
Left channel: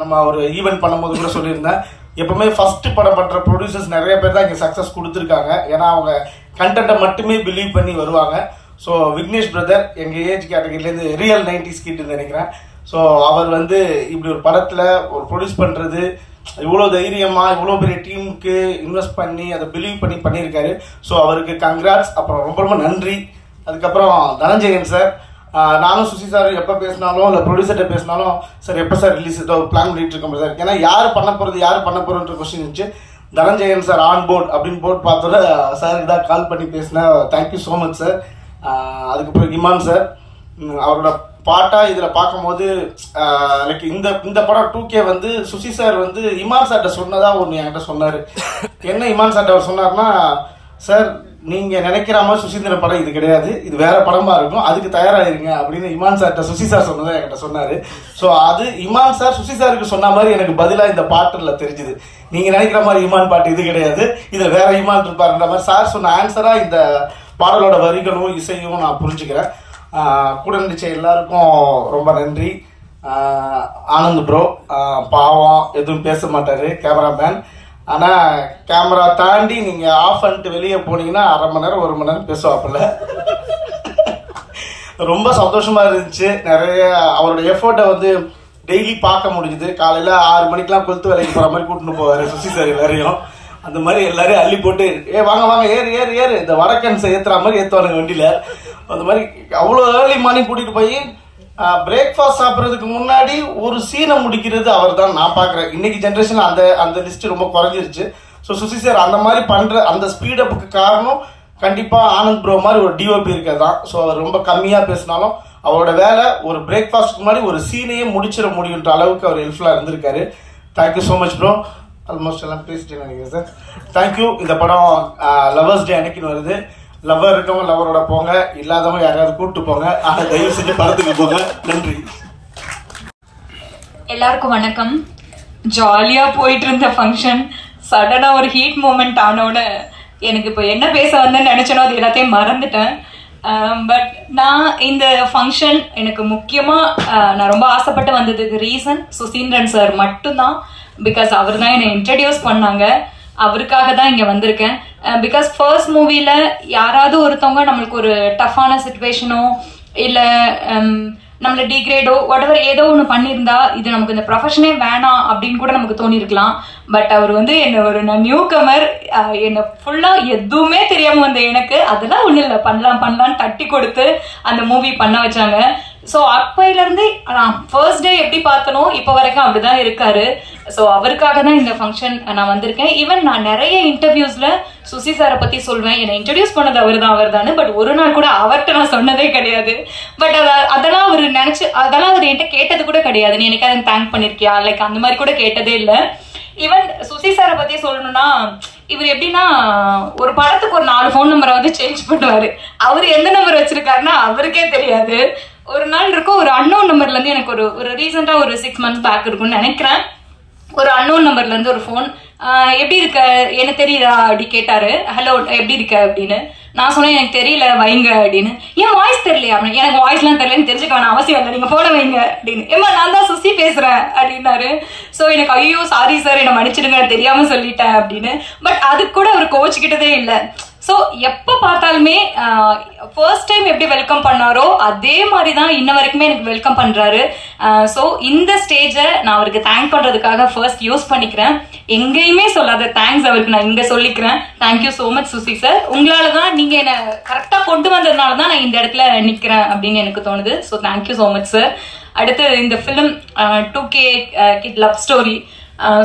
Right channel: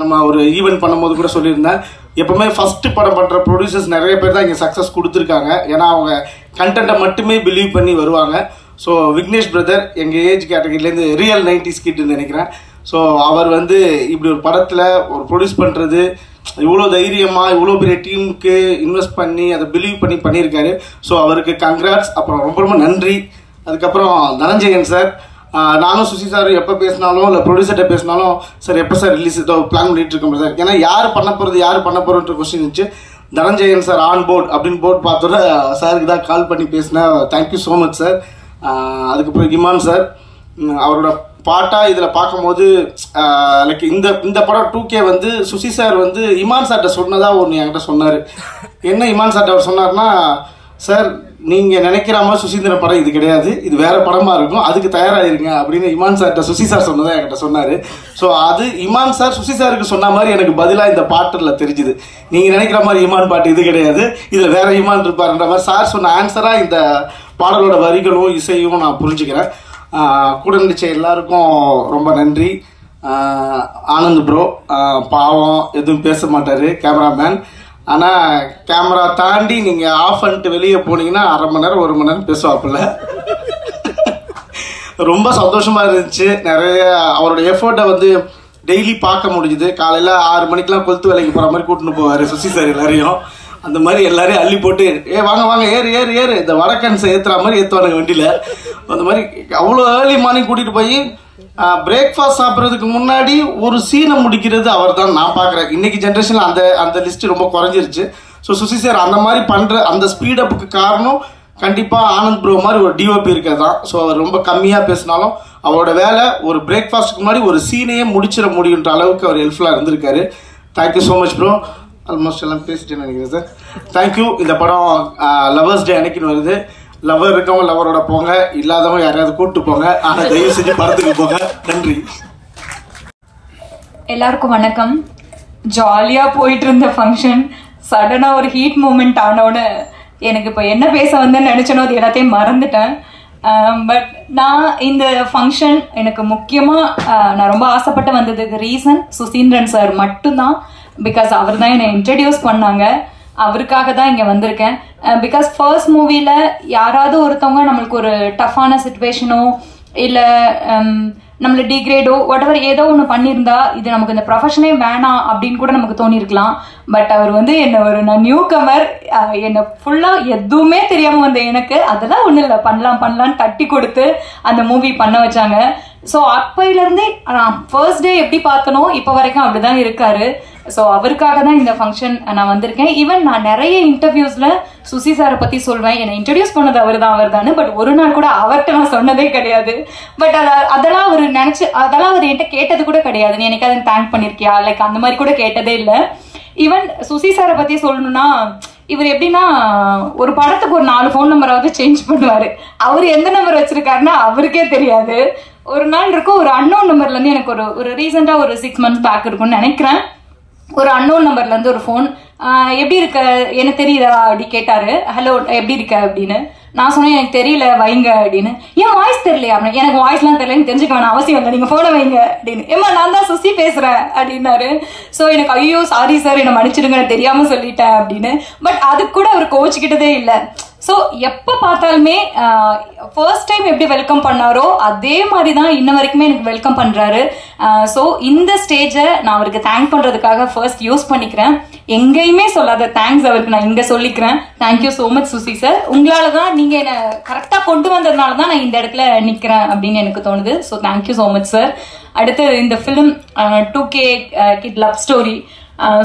நம்ம ஒரு ஈவெண்ட் பண்ணும்போது கூட சொல்லியிருந்தேன், எப்பவுமே ஃபர்ஸ்ட் படம் பண்ற ப்ரொடியூசர்ஸ் நிறைய பேர் தான் இங்க சக்சஸ் கொடுத்துருக்காங்க. ஏன்னா அவங்க கண்டென்ட்டை மட்டுமே பிலீவ் பண்ணி வருவாங்க. ஸோ விக்னேஷ் பிரதர் எங்க ஏஜ் கேட்டகரியிலேருந்து ரியல் 90s கிட்னு நினைக்கிறேன். ஸோ அவர் வந்து இப்படி ஒரு படத்துல ஒரு ப்ரொடியூஸ் பண்றது இவ்வளோ தைரியமா இவ்வளோ பெரிய டீமுக்கு இன்வெஸ்ட் பண்ணி அதை பிலீவ் பண்ணி பண்ணியிருக்காரு. ஸோ அவருக்கு கங்க்ராட்ஸ். அப்புறம் ரொம்ப ரொம்ப நன்றி. அதுக்கப்புறம் தனஞ்சயன் சார், நானும் சுசி சார் எப்போ பேசினாலும் இல்லை ப்ரொடியூசர்கிட்ட பேசினாலும் சார் எப்போ சார் ரிலீஸ் பிளான் பண்ணிட்டு இருக்கோம் சார். ஏன்னா யார் பண்ண போறோன்ற கொஸ்டின் இருந்துச்சு. தனஞ்சயன் சார் ஆன் போர்ட் அப்படின்னு போர்ட் பார்த்தோட சாருக்கு தான் கால் பண்ணி பேசினேன். Thank you so much sir. அதுக்கப்புறம் இமான் சார், அவரோட பாட்டா இதுல பார்க்கும்போது லைக் இந்த படம் 2K வந்து சுசி சார் வந்து இமான் சார்ட்ட சொன்னதா ஒன்று என்கிட்ட சொன்னாரு. என்ன இமான் சார்ட்ட அவர் சொன்னார்னா, சார் நீங்க நினைக்கிற மாதிரி சுசீந்திரன் படம் இது கிடையாது, இது வேற படமா இருக்கும், அதுக்கு தயாராயிருங்க அப்படின்னு இமான் சார்ட்ட சுசி சார் சொன்னதா என்கிட்ட சொன்னாரு. ஸோ அது இமான் சார் சுசி சாருக்கு சொன்ன மாதிரி எனக்கு பதிலா இந்த பாட்டுல தெரிஞ்சுது. நீங்க நினைக்கிற மாதிரி இமான் பாட்டு இது கிடையாது, இதுல வேற இமான் இருப்பாருன்ற மாதிரி சார் சொன்ன ஆன்சரா இந்த பாடலோட வரிகளும் இசையும் நான் புரிஞ்சுக்கிறேன். கூட நடிச்ச எல்லாருக்கும் ரொம்ப நன்றி. ஆனந்த் ப்ரோ பாவம் எதுவும் பேச மாட்டாரு கேமராமேன். ஆனா கேமரா தாண்டி நீங்க ஆஃப் பண்ணிட்டு வெளியே போனீங்கன்னா 1/2 மணி நேரம் 1 மணி நேரம் பேசுவாப்புல. ரொம்ப சந்தோஷமா இருந்துச்சு. நிறைய அவரோட எஃபர்ட்டை வந்து டெய்லி பார்க்க முடிஞ்சுது. காலையில 6 மணிக்கெல்லாம் கொளுத்து வேலைக்கு போற மாதிரி கூட்டிட்டு போவாரு சுசி சார் எல்லாரையும். அந்த மாதிரி எல்லாரையும் அள்ளி போட்டு வாங்க வாங்க ஏறு இந்த வடக்கன்ஸை ஏத்துற மாதிரி ஏத்துவாங்க வண்டியில. அந்த மாதிரி அவ்வளோ ஏர்லி மார்னிங் கூட்டிட்டு போய் பிரேக்ஃபாஸ்ட் சாப்பிட்றதுக்கு முன்னாடி ஒரு சீனை முடிக்கிறது அவர் தான் நான் பார்க்குறேன். இன்னைக்கு ஜென்ரேஷன்ல அந்த லிஸ்ட் ரொம்ப குறைஞ்சிருச்சு. ஸோ சுசி சார் அந்த மாதிரி பண்ற அந்த ஸ்பீடப்புக்கு காரணம் கண்டிப்பா ஆனந்த் ப்ரோ மாதிரி ஒரு டிஓபி இருக்கதான். ஸோ அவர் ரொம்ப கம்மியா பேசினாலும் அவரோட வேலை ஒரு பிரேக்ஃபாஸ்ட்டுக்கு முன்னாடி ஒரு சீனையே முடிச்சிட முடியுன்ற அளவுக்கு அவர் ஹெல்ப்ஃபுல்லா இருந்திருக்காரு. Thank you so much bro. Almost எல்லாம் பேசிட்டேன்னு நினைக்கிறேன் சார். தேங்க்யூ. இந்த படம் லவர்ஸ் டே அன்னைக்குன்னு வருது. லவர் இருக்கவங்க லவரோட போங்க, இல்லாதவங்க யாரையாவது கூப்பிட்டு போங்க. ஆனா தயவு செஞ்சு படத்துக்கு போங்க. நன்றி. எல்லாருக்கும் வணக்கம். ஜாலியா போயிட்டு இருந்த ஃபங்க்ஷன் சடனா ஒரு ஹீட் மூமெண்ட் ஆனோட எனக்கு இப்போ என்ன பேச வந்தேன்னு நினைச்சனோ அது எல்லாத்தையும் மறந்துட்டேன். பட் நான் இந்த ஃபங்க்ஷன் எனக்கு முக்கியமா நான் ரொம்ப ஆசைப்பட்டு வந்ததுக்கு ரீசன் சுசீந்திரன் சார் மட்டும்தான். பிகாஸ் அவர் தான் என்னை இன்ட்ரடியூஸ் பண்ணாங்க. அவருக்காக தான் இங்க வந்திருக்கேன். பிகாஸ் ஃபர்ஸ்ட் மூவில யாராவது ஒருத்தவங்க நம்மளுக்கு ஒரு டஃப்பான சிச்சுவேஷனோ இல்ல நம்மள டிகிரேடோ வாட்எவர் ஏதோ ஒன்று பண்ணியிருந்தா இது நமக்கு இந்த ப்ரொஃபஷனே வேணாம் அப்படின்னு கூட நமக்கு தோணிருக்கலாம். பட் அவர் வந்து என்ன நியூ கமர், என்ன ஃபுல்லா எதுவுமே தெரியாம வந்த எனக்கு அதெல்லாம் ஒண்ணு இல்லை, பண்ணலான்னு தட்டி கொடுத்து அந்த மூவி பண்ண வச்சாங்க. ஸோ அப்பையில இருந்து நான் ஃபர்ஸ்ட் டே எப்படி பார்த்தனோ இப்போ வரைக்கும் அப்படிதான் இருக்காரு. ஸோ அவருக்காக தான் இந்த ஃபங்க்ஷன் நான் வந்திருக்கேன். ஈவன் நான் நிறைய இன்டர்வியூஸ்ல சுசி சாரை பத்தி சொல்வேன், என்னை இன்ட்ரடியூஸ் பண்ணது அவர் தான். பட் ஒரு நாள் கூட அவர்கிட்ட நான் சொன்னதே கிடையாது. பட் அதெல்லாம் அவர் அதெல்லாம் அவர் என்கிட்ட கேட்டது கூட கிடையாது. நீ எனக்கு அதை தேங்க் பண்ணிருக்கியா லைக் அந்த மாதிரி கூட கேட்டதே இல்லை. ஈவன் சுசி சாரை பத்தி சொல்லணும்னா இவர் எப்படின்னா ஒரு படத்துக்கு ஒரு 4 ஃபோன் நம்பராவது சேஞ்ச் பண்ணுவாரு. அவரு எந்த நம்பர் வச்சிருக்காருன்னா அவருக்கே தெரியாது. ஒரு நாள் இருக்கும் ஒரு அன்னோன் நம்பர்ல இருந்து எனக்கு ஒரு ரீசெண்டா ஒரு 6 months பேக் இருக்கும்னு நினைக்கிறேன், ஒரு அன்னோன் நம்பர்ல இருந்து ஒரு ஃபோன் எப்படி இருக்க என்ன தெரியுதா அப்படி கேட்டாரு. ஹலோ எப்படி இருக்க அப்படின்னு நான் சொன்னேன் எனக்கு தெரியல வைங்க அப்படின்னு. ஏன் வாய்ஸ் தெரியலையா அப்படின்னு. எனக்கு வாய்ஸ் எல்லாம் தெரியலன்னு தெரிஞ்சுக்க வேணாம் அவசியம் இல்லை, நீங்க போன வைங்க அப்படின்னு. ஏமா நான் தான் சுசி பேசுறேன் அப்படின்னாரு. சோ எனக்கு ஐயோ சாரி சார் என்ன மன்னிச்சிடுங்க தெரியாம சொல்லிட்டேன் அப்படின்னு. பட் அதுக்கு கூட அவர் கோச்சுக்கிட்டதே இல்லை. சோ எப்ப பார்த்தாலுமே ஃபர்ஸ்ட் டைம் எப்படி வெல்கம் பண்ணாரோ அதே மாதிரிதான் இன்ன வரைக்குமே எனக்கு வெல்கம் பண்றாரு. சோ இந்த ஸ்டேஜை நான் அவருக்கு தேங்க் பண்றதுக்காக ஃபர்ஸ்ட் யூஸ் பண்ணிக்கிறேன். எங்கேயுமே சொல்லாத தேங்க்ஸ் அவருக்கு நான் இங்க சொல்லிக்கிறேன். Thank you so much Susi sir. உங்களாலதான் நீங்க என்ன கரெக்டா கொண்டு வந்ததுனாலதான் நான் இந்த இடத்துல நிக்கிறேன் அப்படின்னு எனக்கு தோணுது. So thank you so much sir. அடுத்து இந்த film 2K kid love story.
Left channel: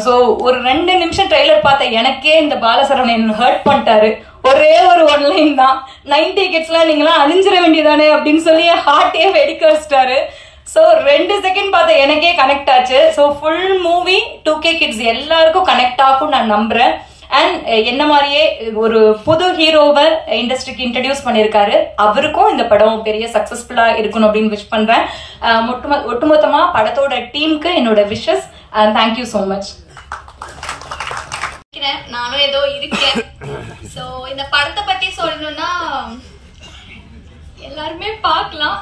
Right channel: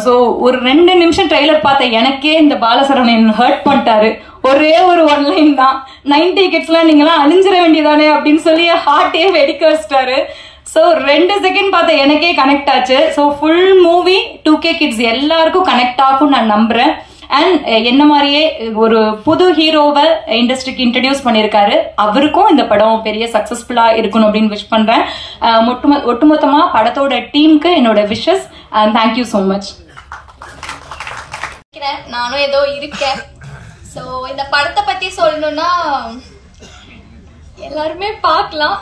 So ஒரு 2 நிமிஷம் ட்ரெய்லர் பார்த்த எனக்கே இந்த பாலசரவணன் ஹர்ட் பண்ணிட்டாரு. ஒரே ஒரு 1 லைன் தான், 90 கிட்ஸ்லாம் நீங்களாம் அழிஞ்சிட வேண்டியதானே அப்படின்னு சொல்லி ஹார்ட்டே வெடிக்க வச்சிட்டாரு. சோ 2 செகண்ட் பார்த்த எனக்கே கனெக்ட் ஆச்சு. So full movie 2K kids எல்லாருக்கும் கனெக்ட் ஆகும் நான் நம்புறேன். அண்ட் என்ன மாதிரியே ஒரு புது ஹீரோவை இண்டஸ்ட்ரிக்கு இன்ட்ரடியூஸ் பண்ணிருக்காரு. அவருக்கும் இந்த படம் பெரிய சக்சஸ்ஃபுல்லா இருக்கணும் அப்படின்னு விஷ் பண்றேன். ஒட்டுமொத்தமா படத்தோட டீமுக்கு என்னோட விஷஸ். Thank you so much. நானும் ஏதோ இருக்கேன். சோ இந்த படத்தை பத்தி சொல்லணும்னா எல்லாருமே பார்க்கலாம்.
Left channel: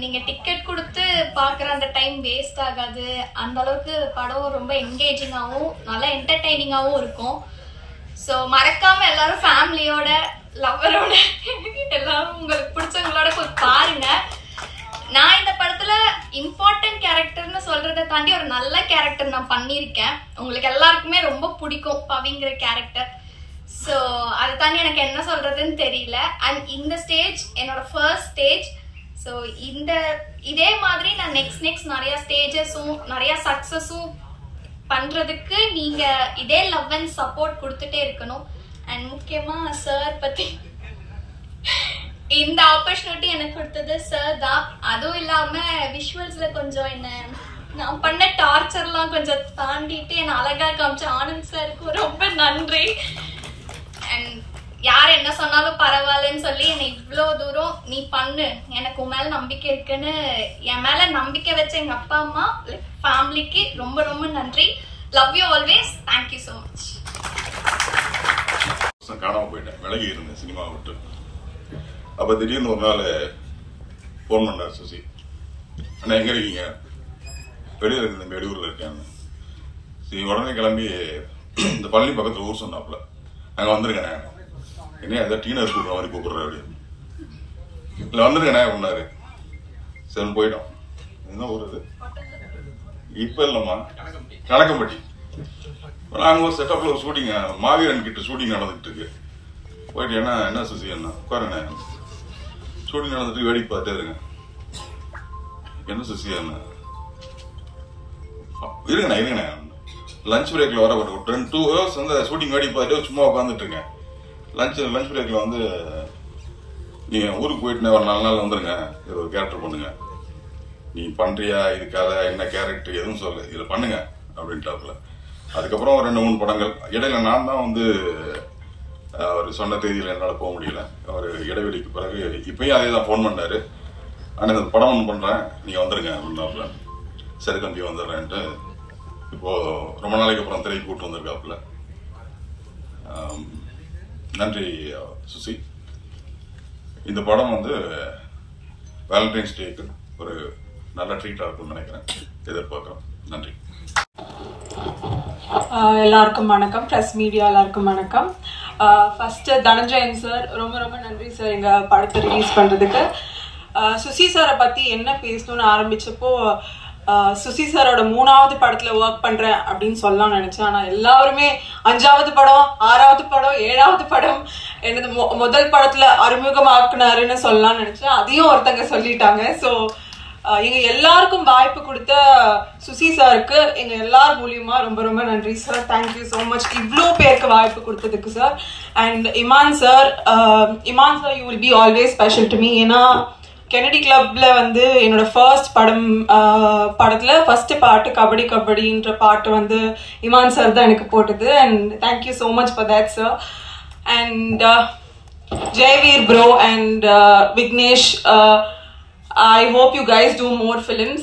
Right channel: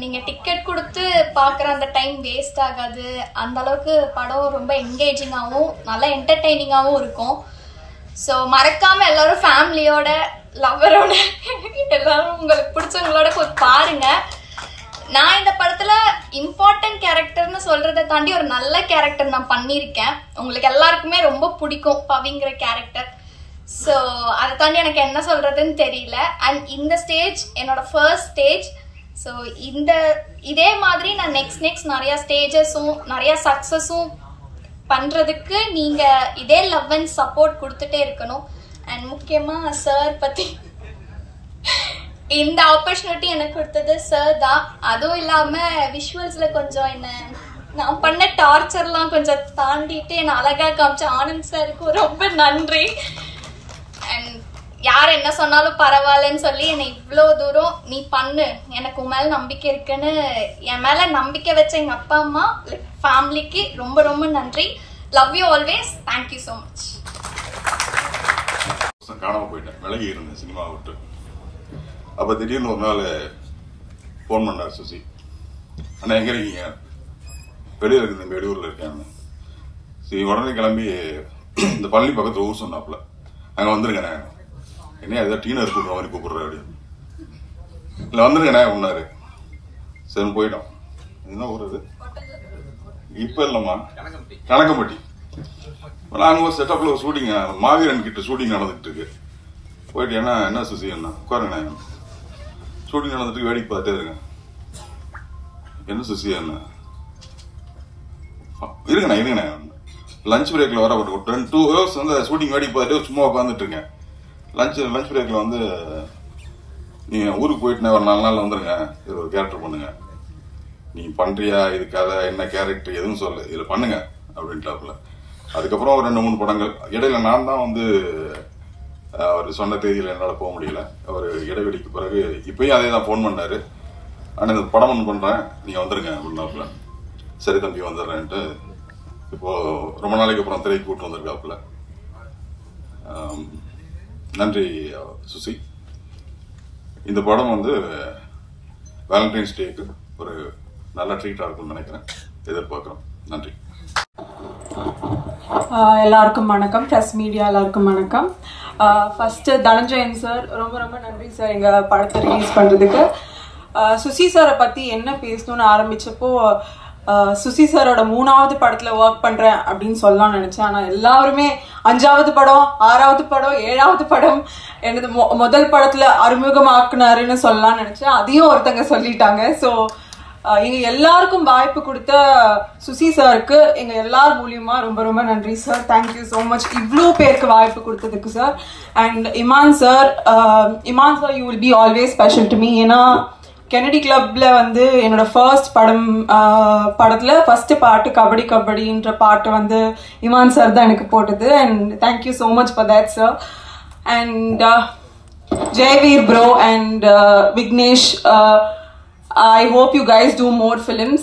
நீங்க டிக்கெட் கொடுத்து பாக்குற அந்த டைம் வேஸ்ட் ஆகாது. அந்த அளவுக்கு படம் ரொம்ப என்கேஜிங்காகவும் நல்லா என்டர்டெய்னிங்காகவும் இருக்கும். ஸோ மறக்காம எல்லாரும் ஃபேமிலியோட லவ்வரோட எல்லாரும் உங்களுக்கு பிடிச்சவங்களோட போய் பாருங்க. நான் இந்த படத்துல இம்பார்ட்டன்ட் கேரக்டர்னு சொல்றதை தாண்டி ஒரு நல்ல கேரக்டர் நான் பண்ணியிருக்கேன். உங்களுக்கு எல்லாருக்குமே ரொம்ப பிடிக்கும் பவிங்கிற கேரக்டர். ஸோ அதை தாண்டி எனக்கு என்ன சொல்றதுன்னு தெரியல. அண்ட் இந்த ஸ்டேஜ் என்னோட ஃபர்ஸ்ட் ஸ்டேஜ். ஸோ இதே மாதிரி நான் நெக்ஸ்ட் நிறைய ஸ்டேஜஸும் நிறைய சக்சஸும் பண்றதுக்கு நீங்க இதே லவ் அண்ட் சப்போர்ட் கொடுத்துட்டே இருக்கணும். அண்ட் முக்கியமா சார் பத்தி இந்த ஆப்பர்ச்சுனிட்டி எனக்கு கொடுத்தது சார் தான். அதுவும் இல்லாம விஷுவல்ஸ்ல கொஞ்சம் என்ன நான் பண்ண டார்ச்சர்லாம் கொஞ்சம் தாண்டிட்டு என்ன அழகா காமிச்ச ஆனந்த் சாருக்கு ரொம்ப நன்றி. அண்ட் யார் என்ன சொன்னாலும் பரவாயில்லன்னு சொல்லி என்னை இவ்வளோ தூரம் நீ பண்ணு, எனக்கு உன் மேல நம்பிக்கை இருக்குன்னு என் மேல நம்பிக்கை வச்ச எங்க அப்பா அம்மா ஃபேமிலிக்கு ரொம்ப ரொம்ப நன்றி. Love you always. Thank you so much. காணாம போயிட்டேன், விலகி இருந்தேன் சினிமாவை விட்டு. அப்ப திடீர்னு ஒரு நாள் போன் பண்ணார் சுசி, அண்ணா எங்க இருக்கீங்க? வெளியூர் இருக்கேன், வெளியூர்ல இருக்கேன். சரி உடனே கிளம்பி இந்த பள்ளி பக்கத்துல ஊர் சொன்னாப்புல அங்க வந்துருக்கேன். என்ன ஏதோ டீனர் இருக்கிற மாதிரி கூப்பிடுற அப்படின்னு. இல்லை வந்துருங்கண்ணே அப்படின்னாரு. சரி போயிட்டோம். என்ன ஊர் இது? இப்ப இல்லம்மா, கணக்கம்பட்டி. நாங்க ஒரு செட்டப்ல ஒரு ஷூட்டிங், மாவீரன் கிட்ட ஷூட்டிங் நடந்துட்டு இருக்கு. போயிட்டு என்ன சுசி என்ன உட்காருங்க, ஷூட்டிங் நடந்துட்டு வேடிக்கை பார்த்தே இருங்க. என்ன சுசி என்ன இருங்கண்ணா லஞ்ச் பிரேக்ல வர ஒரு 2 hours வந்து ஷூட்டிங் வேடிக்கை பார்த்துட்டு சும்மா உட்காந்துட்டு இருக்கேன். லஞ்ச் பிரேக்ல வந்து நீங்க ஊருக்கு போயிட்டு ஒரு 4 நாள் வந்துருங்க, இது ஒரு கேரக்டர் பண்ணுங்க, நீ பண்றியா இது கதை என்ன கேரக்டர் எதுவும் சொல்லு, இதுல பண்ணுங்க அப்படின்ட்டாப்புல. அதுக்கப்புறம் ஒரு 2-3 படங்கள் இடையில நான் தான் வந்து அவர் சொன்ன தேதியில என்னால் போக முடியல. ஒரு இடைவெளிக்கு பிறகு இப்பயும் அதே தான் போன் பண்ணாரு. ஆனா இந்த படம் ஒன்று பண்றேன் நீங்க வந்துருங்க அப்படின்னாப்புல. சரி தம்பி வந்துடுறேன்ட்டு இப்போ ரொம்ப நாளைக்கு அப்புறம் திரைக்கு கூட்டு வந்திருக்காப்புல. நன்றி சுசி. இந்த படம் வந்து வேலண்டைன்ஸ் டேக்கு ஒரு நல்ல ட்ரீட்டா இருக்கும்னு நினைக்கிறேன், எதிர்பார்க்கிறோம். நன்றி. எல்லாருக்கும் வணக்கம், பிரஸ் மீடியா எல்லாருக்கும் வணக்கம். ஃபர்ஸ்ட் தனஞ்சயன் சார் ரொம்ப ரொம்ப நன்றி சார் எங்க படத்தை ரிலீஸ் பண்றதுக்கு. சுசி சாரை பத்தி என்ன பேசணும்னு ஆரம்பிச்சப்போ சுசி சாரோட 3வது படத்துல ஒர்க் பண்றேன் அப்படின்னு சொல்லலாம் நினைச்சேன். ஆனா எல்லாருமே 5வது படம், 6வது படம், 7வது படம் எனது முதல் படத்துல அறிமுகமாக்குனாருன்னு சொல்லலாம் நினைச்சேன். அதையும் ஒருத்தங்க சொல்லிட்டாங்க. சோ எங்க எல்லாருக்கும் வாய்ப்பு கொடுத்த சுசி சாருக்கு எங்க எல்லார் மூலியமா ரொம்ப ரொம்ப நன்றி சார். தேங்க்யூ சோ மச் இவ்வளோ பேருக்கு வாய்ப்பு கொடுத்ததுக்கு sir. And Imman sir you will be always special to me. ஏன்னா கெனடி கிளப்ல வந்து என்னோட ஃபர்ஸ்ட் படத்துல ஃபர்ஸ்ட் பாட்டு கபடி கபடின்ற பாட்டு வந்து இமான் சார் தான் எனக்கு போட்டது. And thank you so much for that sir. And Jayaveer bro and Vignesh, I hope you guys do more films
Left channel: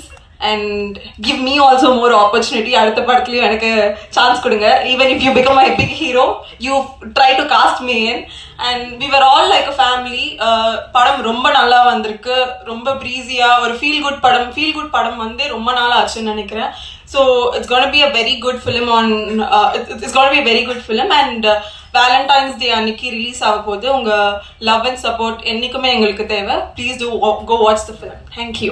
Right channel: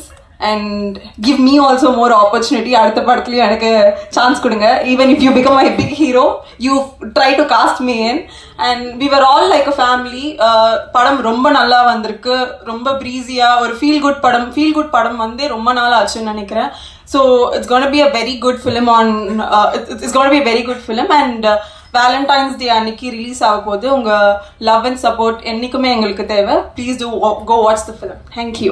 and give me also more opportunity. அடுத்த படத்துலயும் எனக்கு சான்ஸ் கொடுங்க. Even if you become a big hero, you try to cast me in. And we were all like a family. படம் ரொம்ப நல்லா வந்திருக்கு, ரொம்ப பிரீஸியா ஒரு ஃபீல் குட் படம் வந்து ரொம்ப நாள் ஆச்சுன்னு நினைக்கிறேன். So it's going to be a very good film it's going to be a very good film. And Valentine's day அன்னைக்கு ரிலீஸ் ஆக போது. உங்க லவ் அண்ட் சப்போர்ட் என்னைக்குமே எங்களுக்கு தேவை. Please to go watch the film. Thank you.